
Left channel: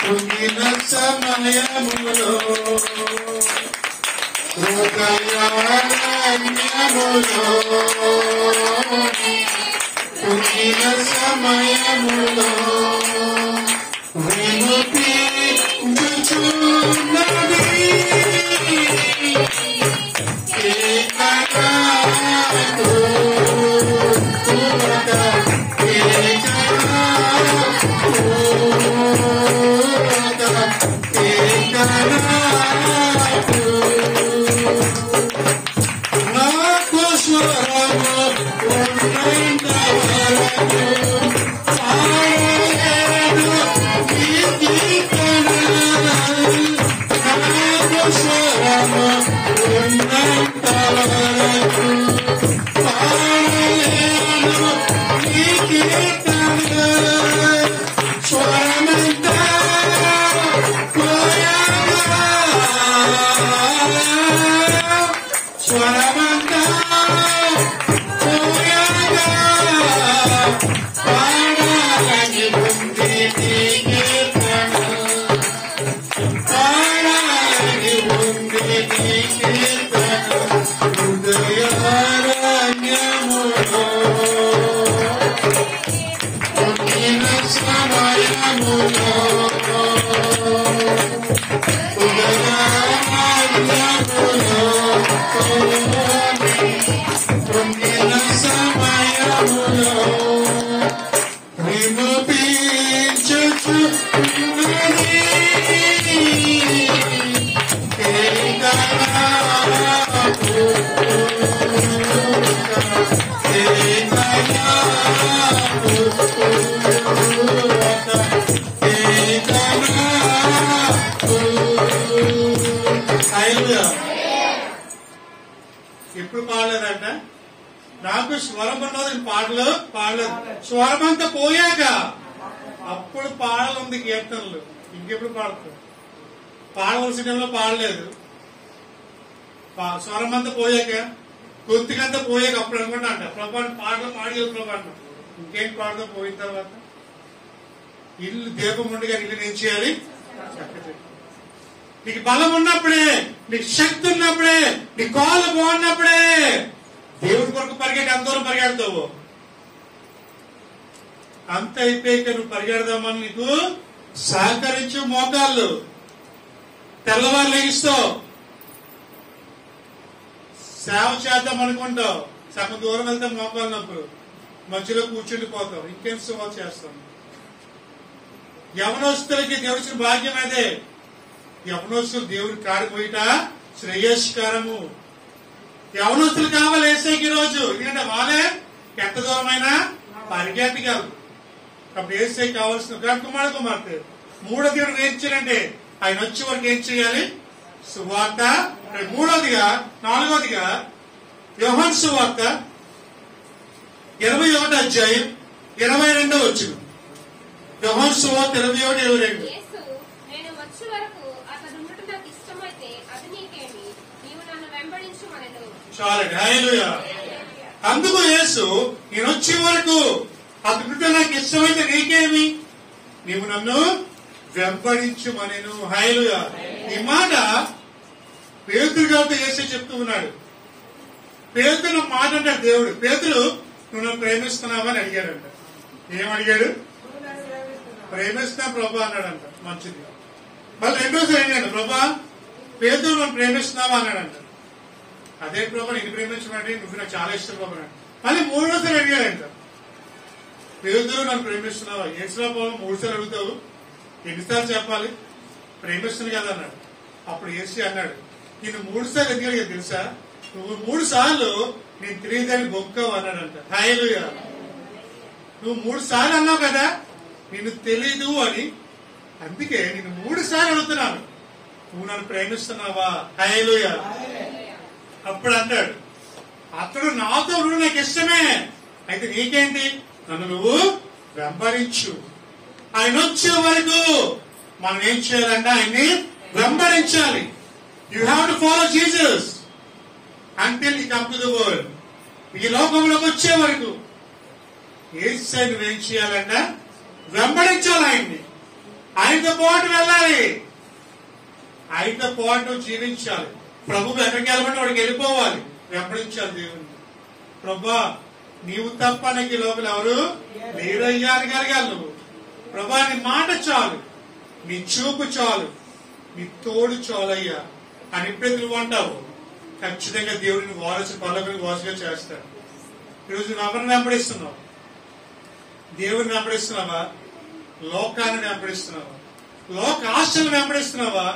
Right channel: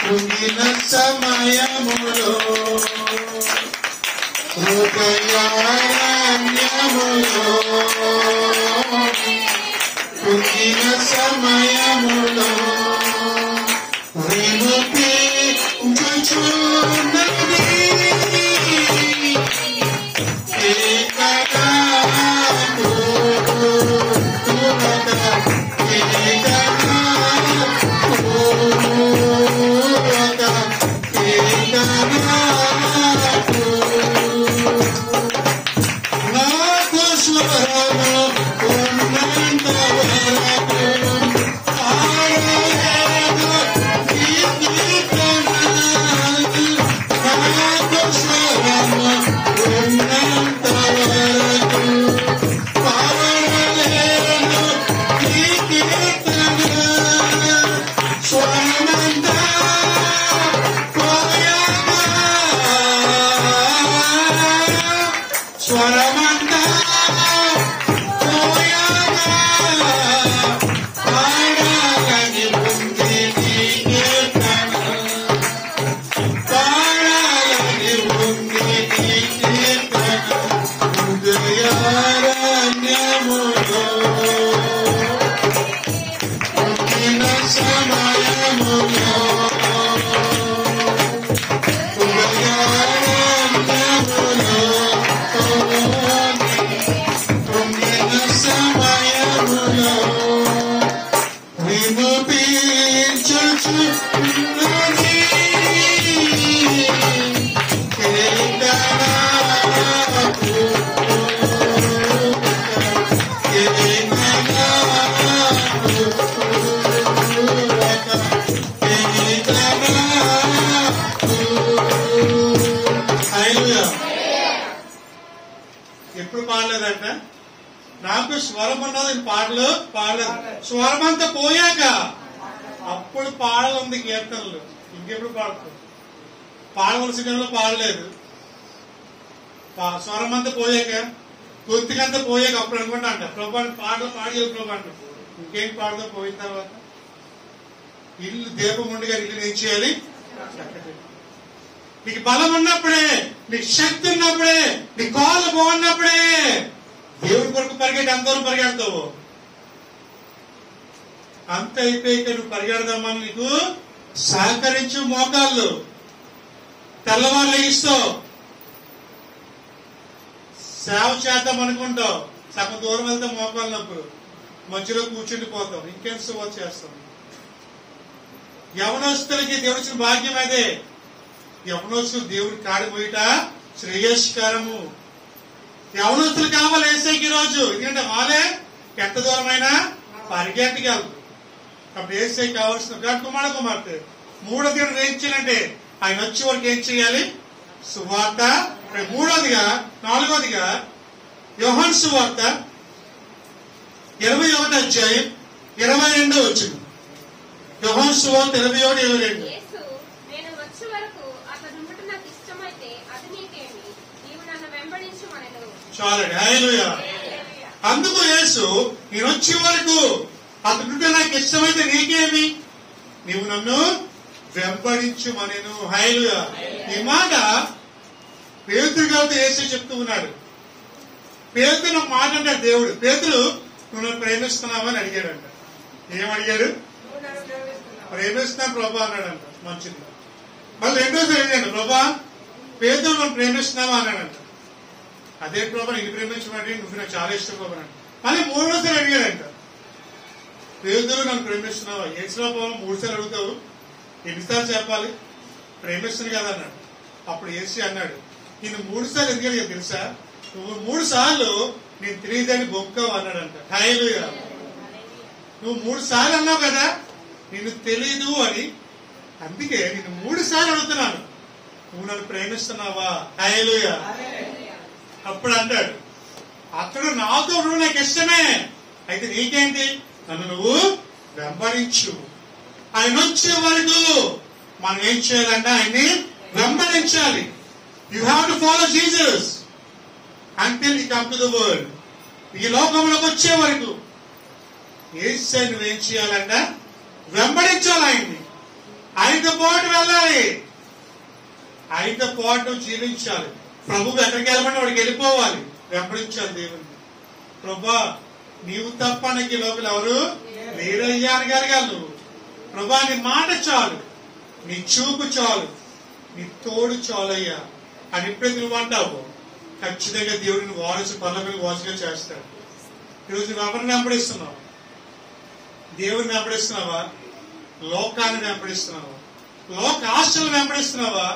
కృంగిన సమయములో, హృదయారణ్యములో కృంగిన సమయములో వినుపించుచున్నది ఎప్పుడు పాడలేదంట. నాకు స్వరం అన్నది పాటలు పాడలేదు. స్వరం అంతా పోయాక అప్పుడు పాడలుంది కీర్తనలు. ఇంకెప్పుడు పాడుతుంది? పాడవలసిన పాడలేదు. స్వరం అంతా పోయాక, గొంతుకంతా పోయాక అప్పుడు అనుకుంటా అంట ప్రభాని పాటలు పాడలేదు ప్రభా అంట. ఇంకేం పాడదో పోయిన తర్వాత ఇల్లు దీపం ఉండగా ఇల్లు ఏం చేయాలి? నీకు బలం ఉన్నప్పుడే, నీకు శక్తి ఉన్నప్పుడే, నీ కాళ్ళు బాగున్నప్పుడే దేవుడి కొరకు పరిగెట్టి ఎంత దూరం పరిగెడతావు. అంత అయిపోయాక నువ్వు పరిగెడదామని నీకు సహకరించు మోకాళ్ళు. తెల్లవారు లేస్తావు, సేవ చేద్దాం అనుకుంటావు, సగం దూరం వెళ్తే మోకాలు నొప్పులు, మధ్యలో కూర్చుండిపోతావు, ఇంకేం సేవ చేస్తాం. యవనస్తులకి దేవుడిచ్చిన భాగ్యం అదే. యవనస్తులు దేవుడి కాడి పోయిట శ్రేయస్కరము. యవనస్తులు కావాలి ఏసైకి రోజు, ఎందుకంటే వాళ్ళే ఎంత దూరమైనా పరిగెట్టగలరు. అప్పుడు ఏసై కావాల్సిన కుమార్తె మూడో దేవుడు ఏం చేయాలంటే ఆయన వచ్చే వరకు ఏం చేయాలి? సువార్త. నాలుగోదిగా యోహాను సువార్త 21వ అధ్యాయం 22వ వచనం. యోహాను సువార్త 21:22. చాలండి. హల్లెలూయా. అందుకు యేసు నేను వచ్చే వరకు అతడు నాకు ఇష్టమైతే నీకేమి, నీవు నన్ను వెంబడించుమనెను. హల్లెలూయా. ఈ మాట పేతురు గారితో యేసు చెప్తూ ఉన్నాడు. పేతురు మాట అంటాడు దేవుడు. పేతురు నువ్వు నన్ను ప్రేమిస్తున్నావా అని అడిగాడంట. ఏమడిగాడు? ప్రేమిస్తున్నా ప్రభా అన్నాడంట. మంచిది. మళ్ళీ రెండోసారి ఏంటంటే ప్రభా పేతురు నన్ను ప్రేమిస్తున్నావా అన్నాడంట. అదే ప్రభా నేను ప్రేమించమండి, నువ్వు నాకు చాలా ఇష్టం ప్రభా అన్నాడు. మళ్ళీ మూడోసారి అడిగాడంట. పేతురు నన్ను ప్రేమిస్తున్నావా? ఏడ్చినా ప్రభావ 3 సార్లు అడుగుతావు, ఎన్నిసార్లు చెప్పాలి? ప్రేమిస్తుంది కదా అన్నాడు. అప్పుడు ఏసి అన్నాడు, నేను 3 సార్లు ఎందుకు అడిగా తెలుసా? నువ్వు 3 సార్లు నేను తెలియదని బొక్కవు అన్నాడంట. హల్లెలూయా. నువ్వు 3 సార్లు అన్నావు కదా నిన్ను తెలీదు అని, అందుకే నేను 3 సార్లు అడుగుతున్నాను, నువ్వు నన్ను ప్రేమిస్తున్నావా? హల్లెలూయా. అప్పుడు అంటాడు, అతడు నాతో నువ్వు నాకు ఇష్టమే, అయితే నీకేంటి? నన్ను నువ్వు వెంబడించు. ఆయన వచ్చే వరకు మనం ఏం చేయాలంటే ఆయన్ని వెంబడించాలి. You have to follow Jesus until you come to the world. ఈ లోకంలోకి వచ్చే వరకు యేసుని నువ్వేం చేయాలంటే వెంబడించాలి. ఆయన్ని, ఆయనతో పాటు వెళ్ళాలి, ఆయనతో పాటు జీవించాలి. ప్రభువు ఎక్కడికి వెళ్ళమంటే వాడికి వెళ్ళిపోవాలి, వెంబడించాలి దేవుణ్ణి. ప్రభా నీవు తప్ప నాకు ఈ లోపల ఎవరు లేరయ్యా అని కలగాలి నువ్వు. ప్రభా నీ మాట చాలు, నీ చూపు చాలు, నీ తోడు చాలయ్యా అని ఎప్పుడైతే నువ్వు అంటావు, ఖచ్చితంగా దేవుడిని పరలోకానికి వారసుగా చేస్తాడు. ఈరోజు నువ్వు ఎవరిని వెంబడిస్తున్నావు? దేవుడిని వెంబడిస్తున్నావా? లోకాన్ని వెంబడిస్తున్నావా? లోక ఆశలను వెంబడిస్తున్నావా?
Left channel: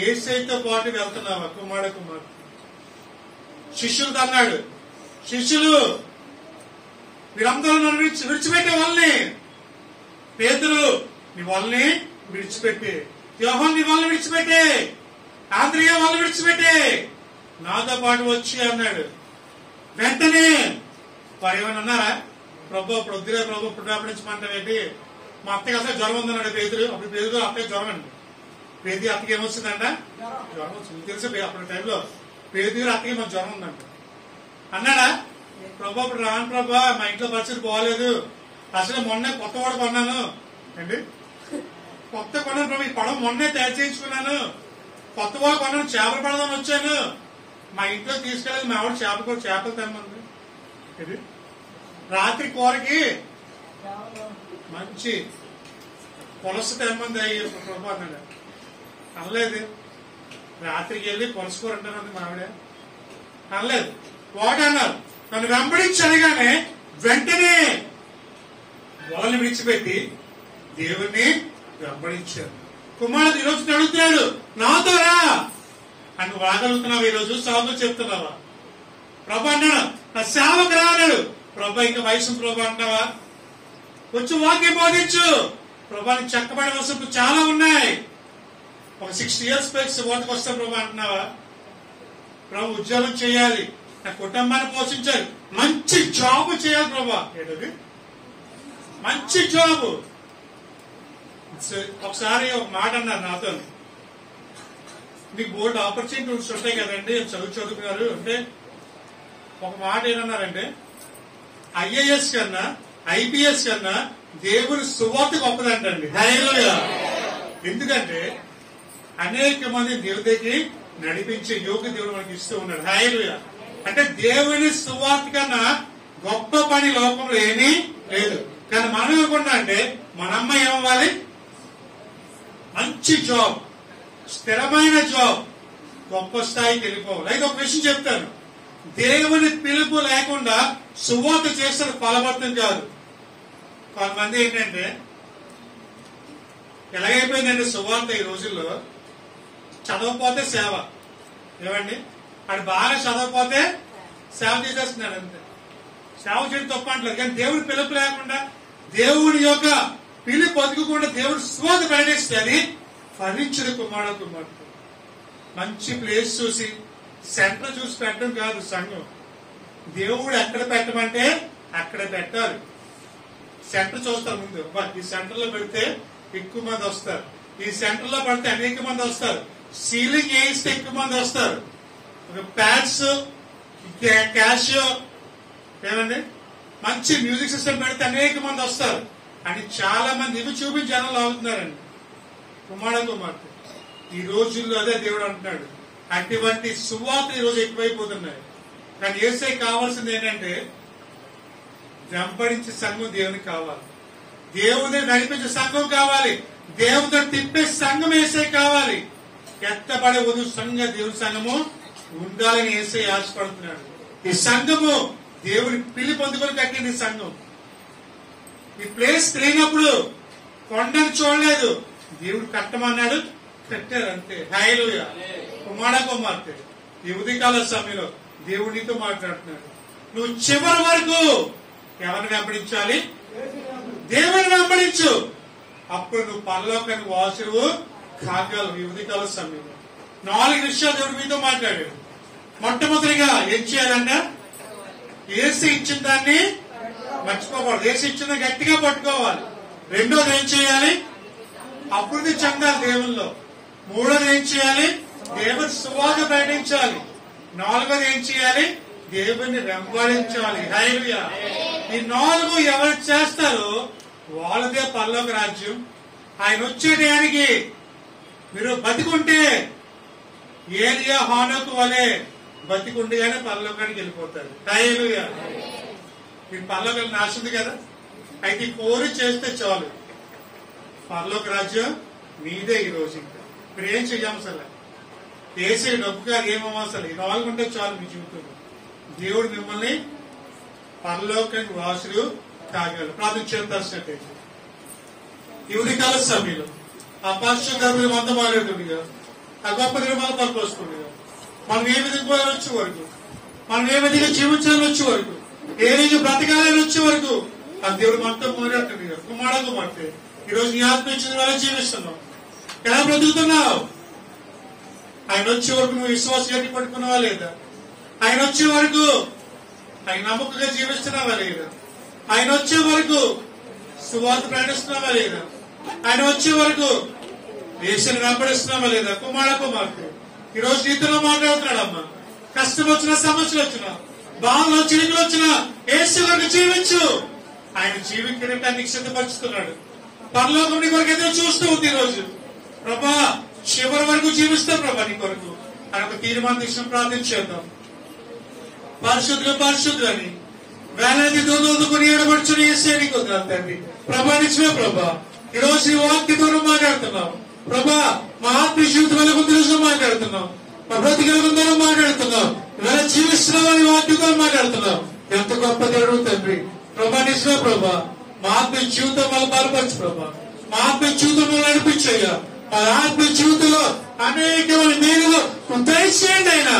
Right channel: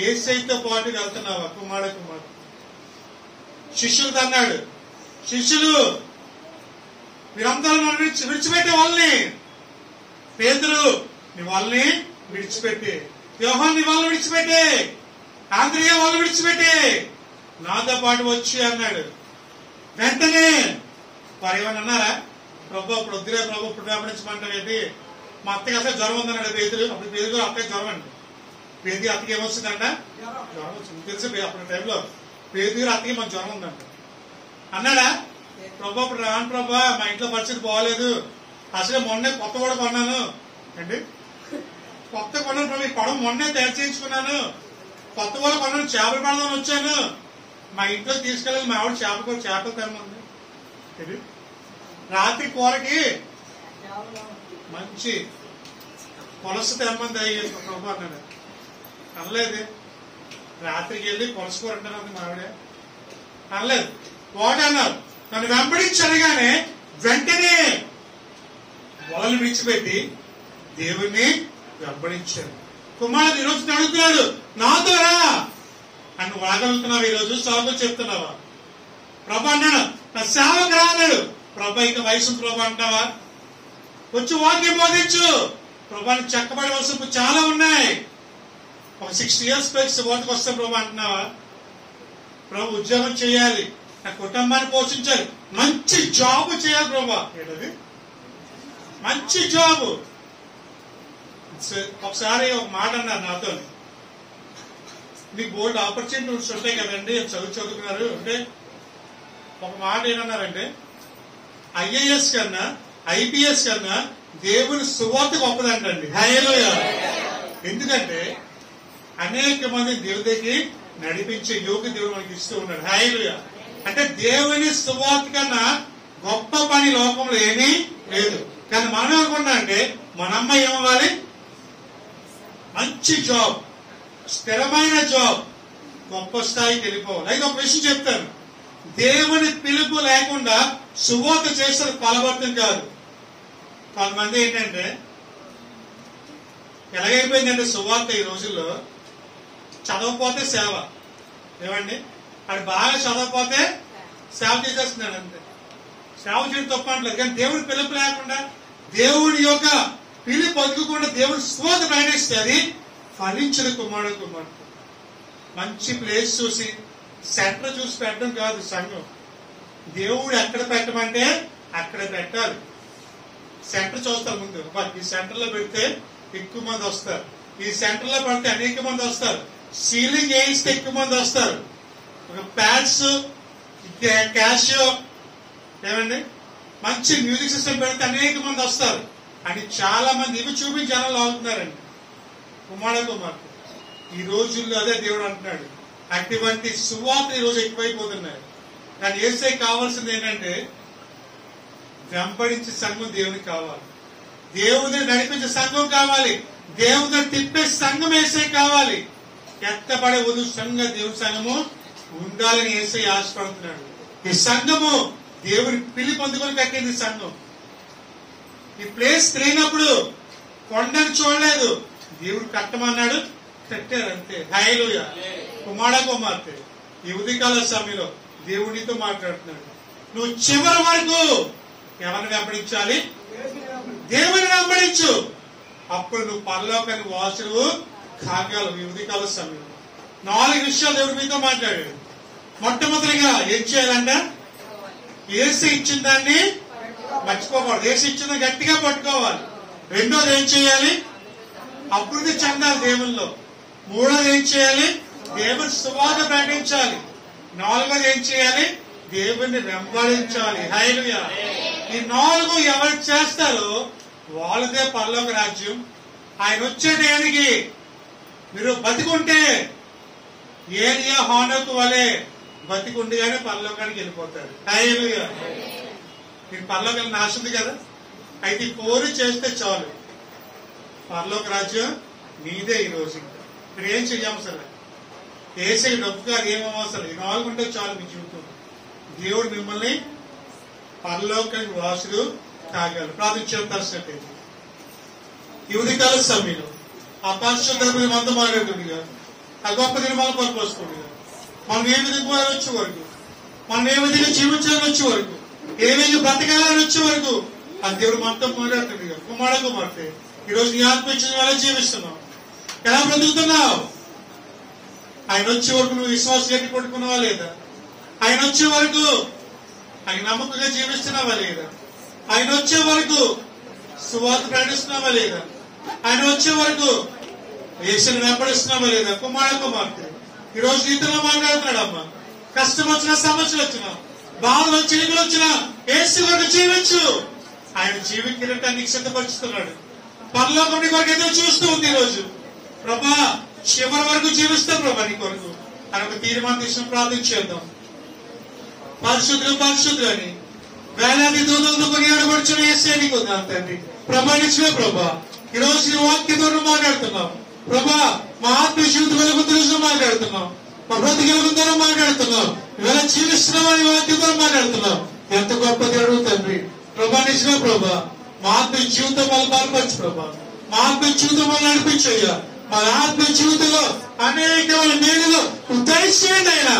యేసయ్యతో పాటు వెళ్తున్నావా? కుమారుడు శిష్యులతో అన్నాడు, శిష్యులు మీరందరూ నన్ను విడిచిపెట్టే వాళ్ళని. పేతురు నీ వాళ్ళని విడిచిపెట్టే, యోహాను నీ వాళ్ళని విడిచిపెట్టే, ఆంద్రియా వాళ్ళని విడిచిపెట్టే, నాతో పాటు వచ్చి అన్నాడు. వెంటనే వారు ఏమన్నా అన్నారా? ప్రభు ఇప్పుడు వద్దురే ప్రభు, ఇప్పుడు వెంబడించమంటావేంటి? మా అత్తకి అసలు జ్వరం ఉందన్నాడు పేతురు. అప్పుడు పేతురు అత్తకి జ్వరం అండి. పేదీ అత్తకి ఏమొస్తుందంట? జ్వరం వచ్చింది తెలుసు. అప్పుడు టైంలో పేదీ అత్తకి మాకు జ్వరం ఉందంట అన్నాడా? ప్రభా ఇప్పుడు రాను ప్రభా, మా ఇంట్లో పరిస్థితి బాగోలేదు, అసలు మొన్నే కొత్త కూడా కొన్నాను అండి, కొత్త కొన్నాను ప్రభు, ఈ పడవ మొన్నే తయారు చేయించుకున్నాను, కొత్త కూడా కొన్నాను, చేపలు పడదామని వచ్చాను, మా ఇంట్లో తీసుకెళ్ళి మా ఆవిడ చేపలు తెమ్మంది. ఇది రాత్రి కూరకి మంచి పులస తెమ్మంది అయ్యి ప్రభు అన్నాడు. అనలేదు. రాత్రికి వెళ్ళి పులస కూర అంటానంది మా ఆవిడ. అనలేదు. వాట్ అన్నారు? నన్ను వెంబడించగానే వెంటనే వాళ్ళని విడిచిపెట్టి దేవుణ్ణి వెంబడించారు. కుమారుడు ఈరోజు అడుగుతున్నాడు, నాతో రా అని. నువ్వు రాగలుగుతున్నావు? ఈరోజు సాగు చెప్తున్నావా? ప్రభు అన్నాడు, నా సేవకు రా అన్నాడు. ప్రభు ఇంకా వయసు ప్రభు అంటావా? వచ్చి వాక్యం బోధించు. ప్రభానికి చెక్కబడి వసపు చాలా ఉన్నాయి. ఒక 60 years పైకి ఓతకు వస్తే ప్రభు అంటున్నావా? ప్రభు ఉద్యోగం చేయాలి, నా కుటుంబాన్ని పోషించాలి, మంచి జాబ్ చేయాలి ప్రభా. ఏంటది? మంచి జాబ్. ఒకసారి ఒక మాట అన్నారు నాతో, మీకు బోల్డ్ ఆపర్చునిటీస్ ఉంటాయి కదండి, చదువుకున్నారు అంటే ఒక మాట ఏమన్నారంటే, IAS కన్నా IPS కన్నా దేవుని సువార్త గొప్పదంటండి. హల్లెలూయా. ఎందుకంటే అనేక మంది దేవుడికి నడిపించే యోగ దేవుడు మనకి ఇస్తూ ఉన్నాడు. హల్లెలూయా. అంటే దేవుని సువార్త కన్నా గొప్ప పని లోకంలో ఏమీ లేదు. కానీ మనం ఏమనుకున్నా అంటే మన అమ్మాయి ఏమవ్వాలి, మంచి జాబ్, స్థిరమైన జాబ్, గొప్ప స్థాయికి వెళ్ళిపోవాలి. అయితే ఒక విషయం చెప్తాను, దేవుని పిలుపు లేకుండా సువార్త చేసిన ఫలవంతం కాదు. కొంతమంది ఏంటంటే ఎలాగైపోయిందంటే సువార్త ఈ రోజుల్లో చదవకపోతే సేవ. ఏమండి, అది బాగా చదవకపోతే సేవ చేసేస్తున్నాడు అంతే. సేవ చేయడం తప్ప అంటలేదు, కానీ దేవుడి పిలుపు లేకుండా, దేవుని యొక్క పిలుపు బతుకకుండా దేవుడి సువార్త ప్రకటిస్తే అది ఫలించదు. కుమారుడు మంచి ప్లేస్ చూసి సెంటర్ చూసి పెట్టడం కాదు సంఘం. దేవుడు ఎక్కడ పెట్టమంటే అక్కడ పెట్టాలి. సెంటర్ చూస్తారు ముందు, ఈ సెంటర్ లో పెడితే ఎక్కువ మంది వస్తారు, ఈ సెంటర్ లో పెడితే అనేక మంది వస్తారు, సీలింగ్ వేయిస్తే ఎక్కువ మంది వస్తారు, ఒక ప్యాడ్స్ క్యాషియో ఏమండి మంచి మ్యూజిక్ సిస్టమ్ పెడితే అనేక మంది వస్తారు అని చాలా మంది ఇవి చూపించి జనాలు అవుతున్నారండి. కుమార్తె ఈ రోజుల్లో అదే దేవుడు అంటున్నాడు. అటువంటి సువార్త ఈ రోజు ఎక్కువైపోతున్నాయి. కానీ యేసయ్య కావాల్సింది ఏంటంటే వెంబడించే సంఘం దేవునికి కావాలి, దేవుని నడిపించే సంఘం కావాలి, దేవుని తిప్పే సంఘం యేసయ్య కావాలి. ఎత్తబడే వధు సంఘం దేవుని సంఘము ఉండాలని యేసయ్య ఆశపడుతున్నాడు. ఈ సంఘము దేవుని పిలి పొందుకొని కట్టింది సంఘం. ఈ ప్లేస్ తిరిగినప్పుడు కొండను చూడలేదు, దేవుడు కట్టమన్నాడు, కట్టారు అంతే. హల్లెలూయా. కుమార్తె ఈ ఉదయకాల సమయంలో దేవునితో మాట్లాడుతున్నాడు. నువ్వు చివరి వరకు ఎవరిని వెంబడించాలి? దేవుని వెంబడించు, అప్పుడు నువ్వు పరలోకానికి వారసుడు కాగలవు. ఈ ఉదయకాల సమయంలో 4 విషయాలు దేవుడు మీతో మాట్లాడాడు. మొట్టమొదటిగా ఏం చేయాలంటే యేసు ఇచ్చిన దాన్ని మర్చిపోకూడదు, యేసు ఇచ్చిన గట్టిగా పట్టుకోవాలి. రెండోది ఏం చేయాలి? అభివృద్ధి చెందాలి దేవుల్లో. మూడోది ఏం చేయాలి? దేవుని సువార్త ప్రకటించాలి. నాలుగోది ఏం చేయాలి? దేవుని వెంబడించాలి. హల్లెలూయా. ఈ 4 ఎవరు చేస్తారో వాళ్ళదే పరలోక రాజ్యం. ఆయన వచ్చే టయానికి మీరు బతికుంటే ఏలియా హానోకు వలె బతికుండగానే పరలోకానికి వెళ్ళిపోతారు. హల్లెలూయా. మీరు పరలోకానికి నాశింది కదా, అయితే కోరి చేస్తే చాలు, పరలోక రాజ్యం మీదే. ఈ రోజు ఇంకా మీరు ఏం చెయ్యం అసలు, వేసే డబ్బు కాదు, ఏమవసరం. ఈ 4 ఉంటే చాలు మీ జీవితంలో. దేవుడు మిమ్మల్ని పరలోకానికి వాసులు కాగలరు. ప్రార్థన చేస్తాల్సినట్టయితే ఈ ఉదయకాల సమయంలో ఆ పరిశుద్ధులు మనతో మాట్లాడుతుండగా, ఆ గొప్ప నిర్మాణం పరకు వస్తుండగా, మనం ఏ విధంగా వచ్చే వరకు, మనం ఏ విధంగా జీవించాలని వచ్చే వరకు, ఏ విధంగా బ్రతకాలని వచ్చే వరకు ఆ దేవుడు మనతో మాట్లాడుతుండగా, కుమార్తె ఈ రోజు నీ ఆత్మ ఇచ్చిన ఎలా జీవిస్తున్నావు, ఎలా బ్రతుకుతున్నావు? ఆయన వచ్చే వరకు నువ్వు విశ్వాసం గట్టి పట్టుకున్నావా లేదా? ఆయన వచ్చే వరకు ఆయన నమ్మకంగా జీవిస్తున్నావా లేదా? ఆయన వచ్చే వరకు సువార్త ప్రకటిస్తున్నావా లేదా? ఆయన వచ్చే వరకు యేసుని వెంబడిస్తున్నావా లేదా? కుమార్తె ఈ రోజు నీతిలో మాట్లాడుతున్నాడమ్మా. కష్టం వచ్చినా, సమస్యలు వచ్చినా, బాధలు చిలుకలు వచ్చినా యేసు వరకు జీవించు. ఆయన జీవించడానికి సిద్ధపరుస్తున్నాడు. పరలోకం నీ కొరకు ఎదురు చూస్తూ ఉంది. ఈ రోజు ప్రభా చివరి వరకు జీవిస్తాం ప్రభా నీ కొరకు అని ఒక తీర్మానం తీసుకుని ప్రార్థించేద్దాం. పరిశుద్ధులు అని వేలాది దూరంతో కొనియాడబడుచుని యేసే నీకు తండ్రి. ప్రభా నిజమే ప్రభా, ఈ రోజు నీ వాక్య దూరం మాట్లాడుతున్నాం ప్రభా. మా ఆత్మీయ జీవితం వెలుగుతో మాట్లాడుతున్నాం, మా బ్రతికెలుగుతో మాట్లాడుతున్నాం, ఇవాళ జీవిస్తున్నామని వాక్య ద్వారా మాట్లాడుతున్నాం. ఎంత గొప్ప దేవుడు తండ్రి. ప్రభా నిజమే ప్రభా, మా ఆత్మీయ జీవితం వాళ్ళు బలపరచు ప్రభా, మా ఆత్మీయ జీవితం వాళ్ళు నడిపించయ్యా. మా ఆత్మీయ జీవితంలో అనేకమైన మేలులో దయచేయండి అయినా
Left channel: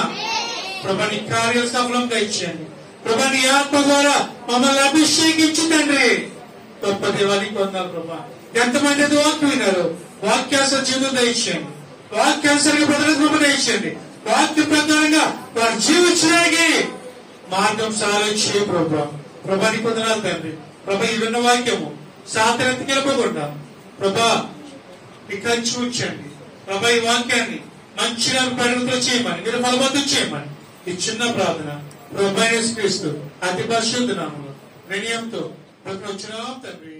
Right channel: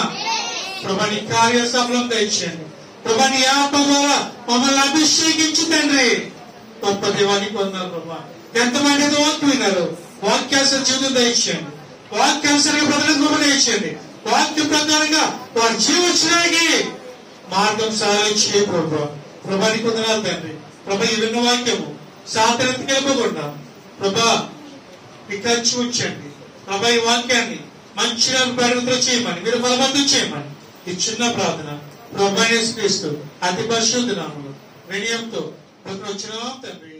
ప్రభా. నీ కార్య సఫలం దయచేయండి ప్రభా. నీ ఆత్మ ద్వారా మమ్మల్ని అభిషేకించు తండ్రి. గొప్ప దేవానికి పొందాలి ప్రభా. ఎంతమంది అయితే వాక్యం విన్నారు, వాక్యాసర జీవితం దయచేయండి, వాక్యాసరిగా ప్రజలకు దయచేయండి. వాక్య ప్రకారంగా వారు జీవించడానికి మార్గం సహాయం చేయ ప్రభా. ప్రభాని పొందనాలు తండ్రి. ప్రభా ఈ విన్న వాక్యము సాతనెత్తి గెలపకుండా ప్రభా కంచి ఉంచండి ప్రభా. ఈ వాక్యాన్ని మంచిగా పరిణితులు చేయమని, మీరు ఫలవంతం చేయమని ఈ చిన్న ప్రార్థన ప్రభా యేసు క్రీస్తు అతి పరిశుద్ధ నామములో వినయంతో వచ్చిన తండ్రి.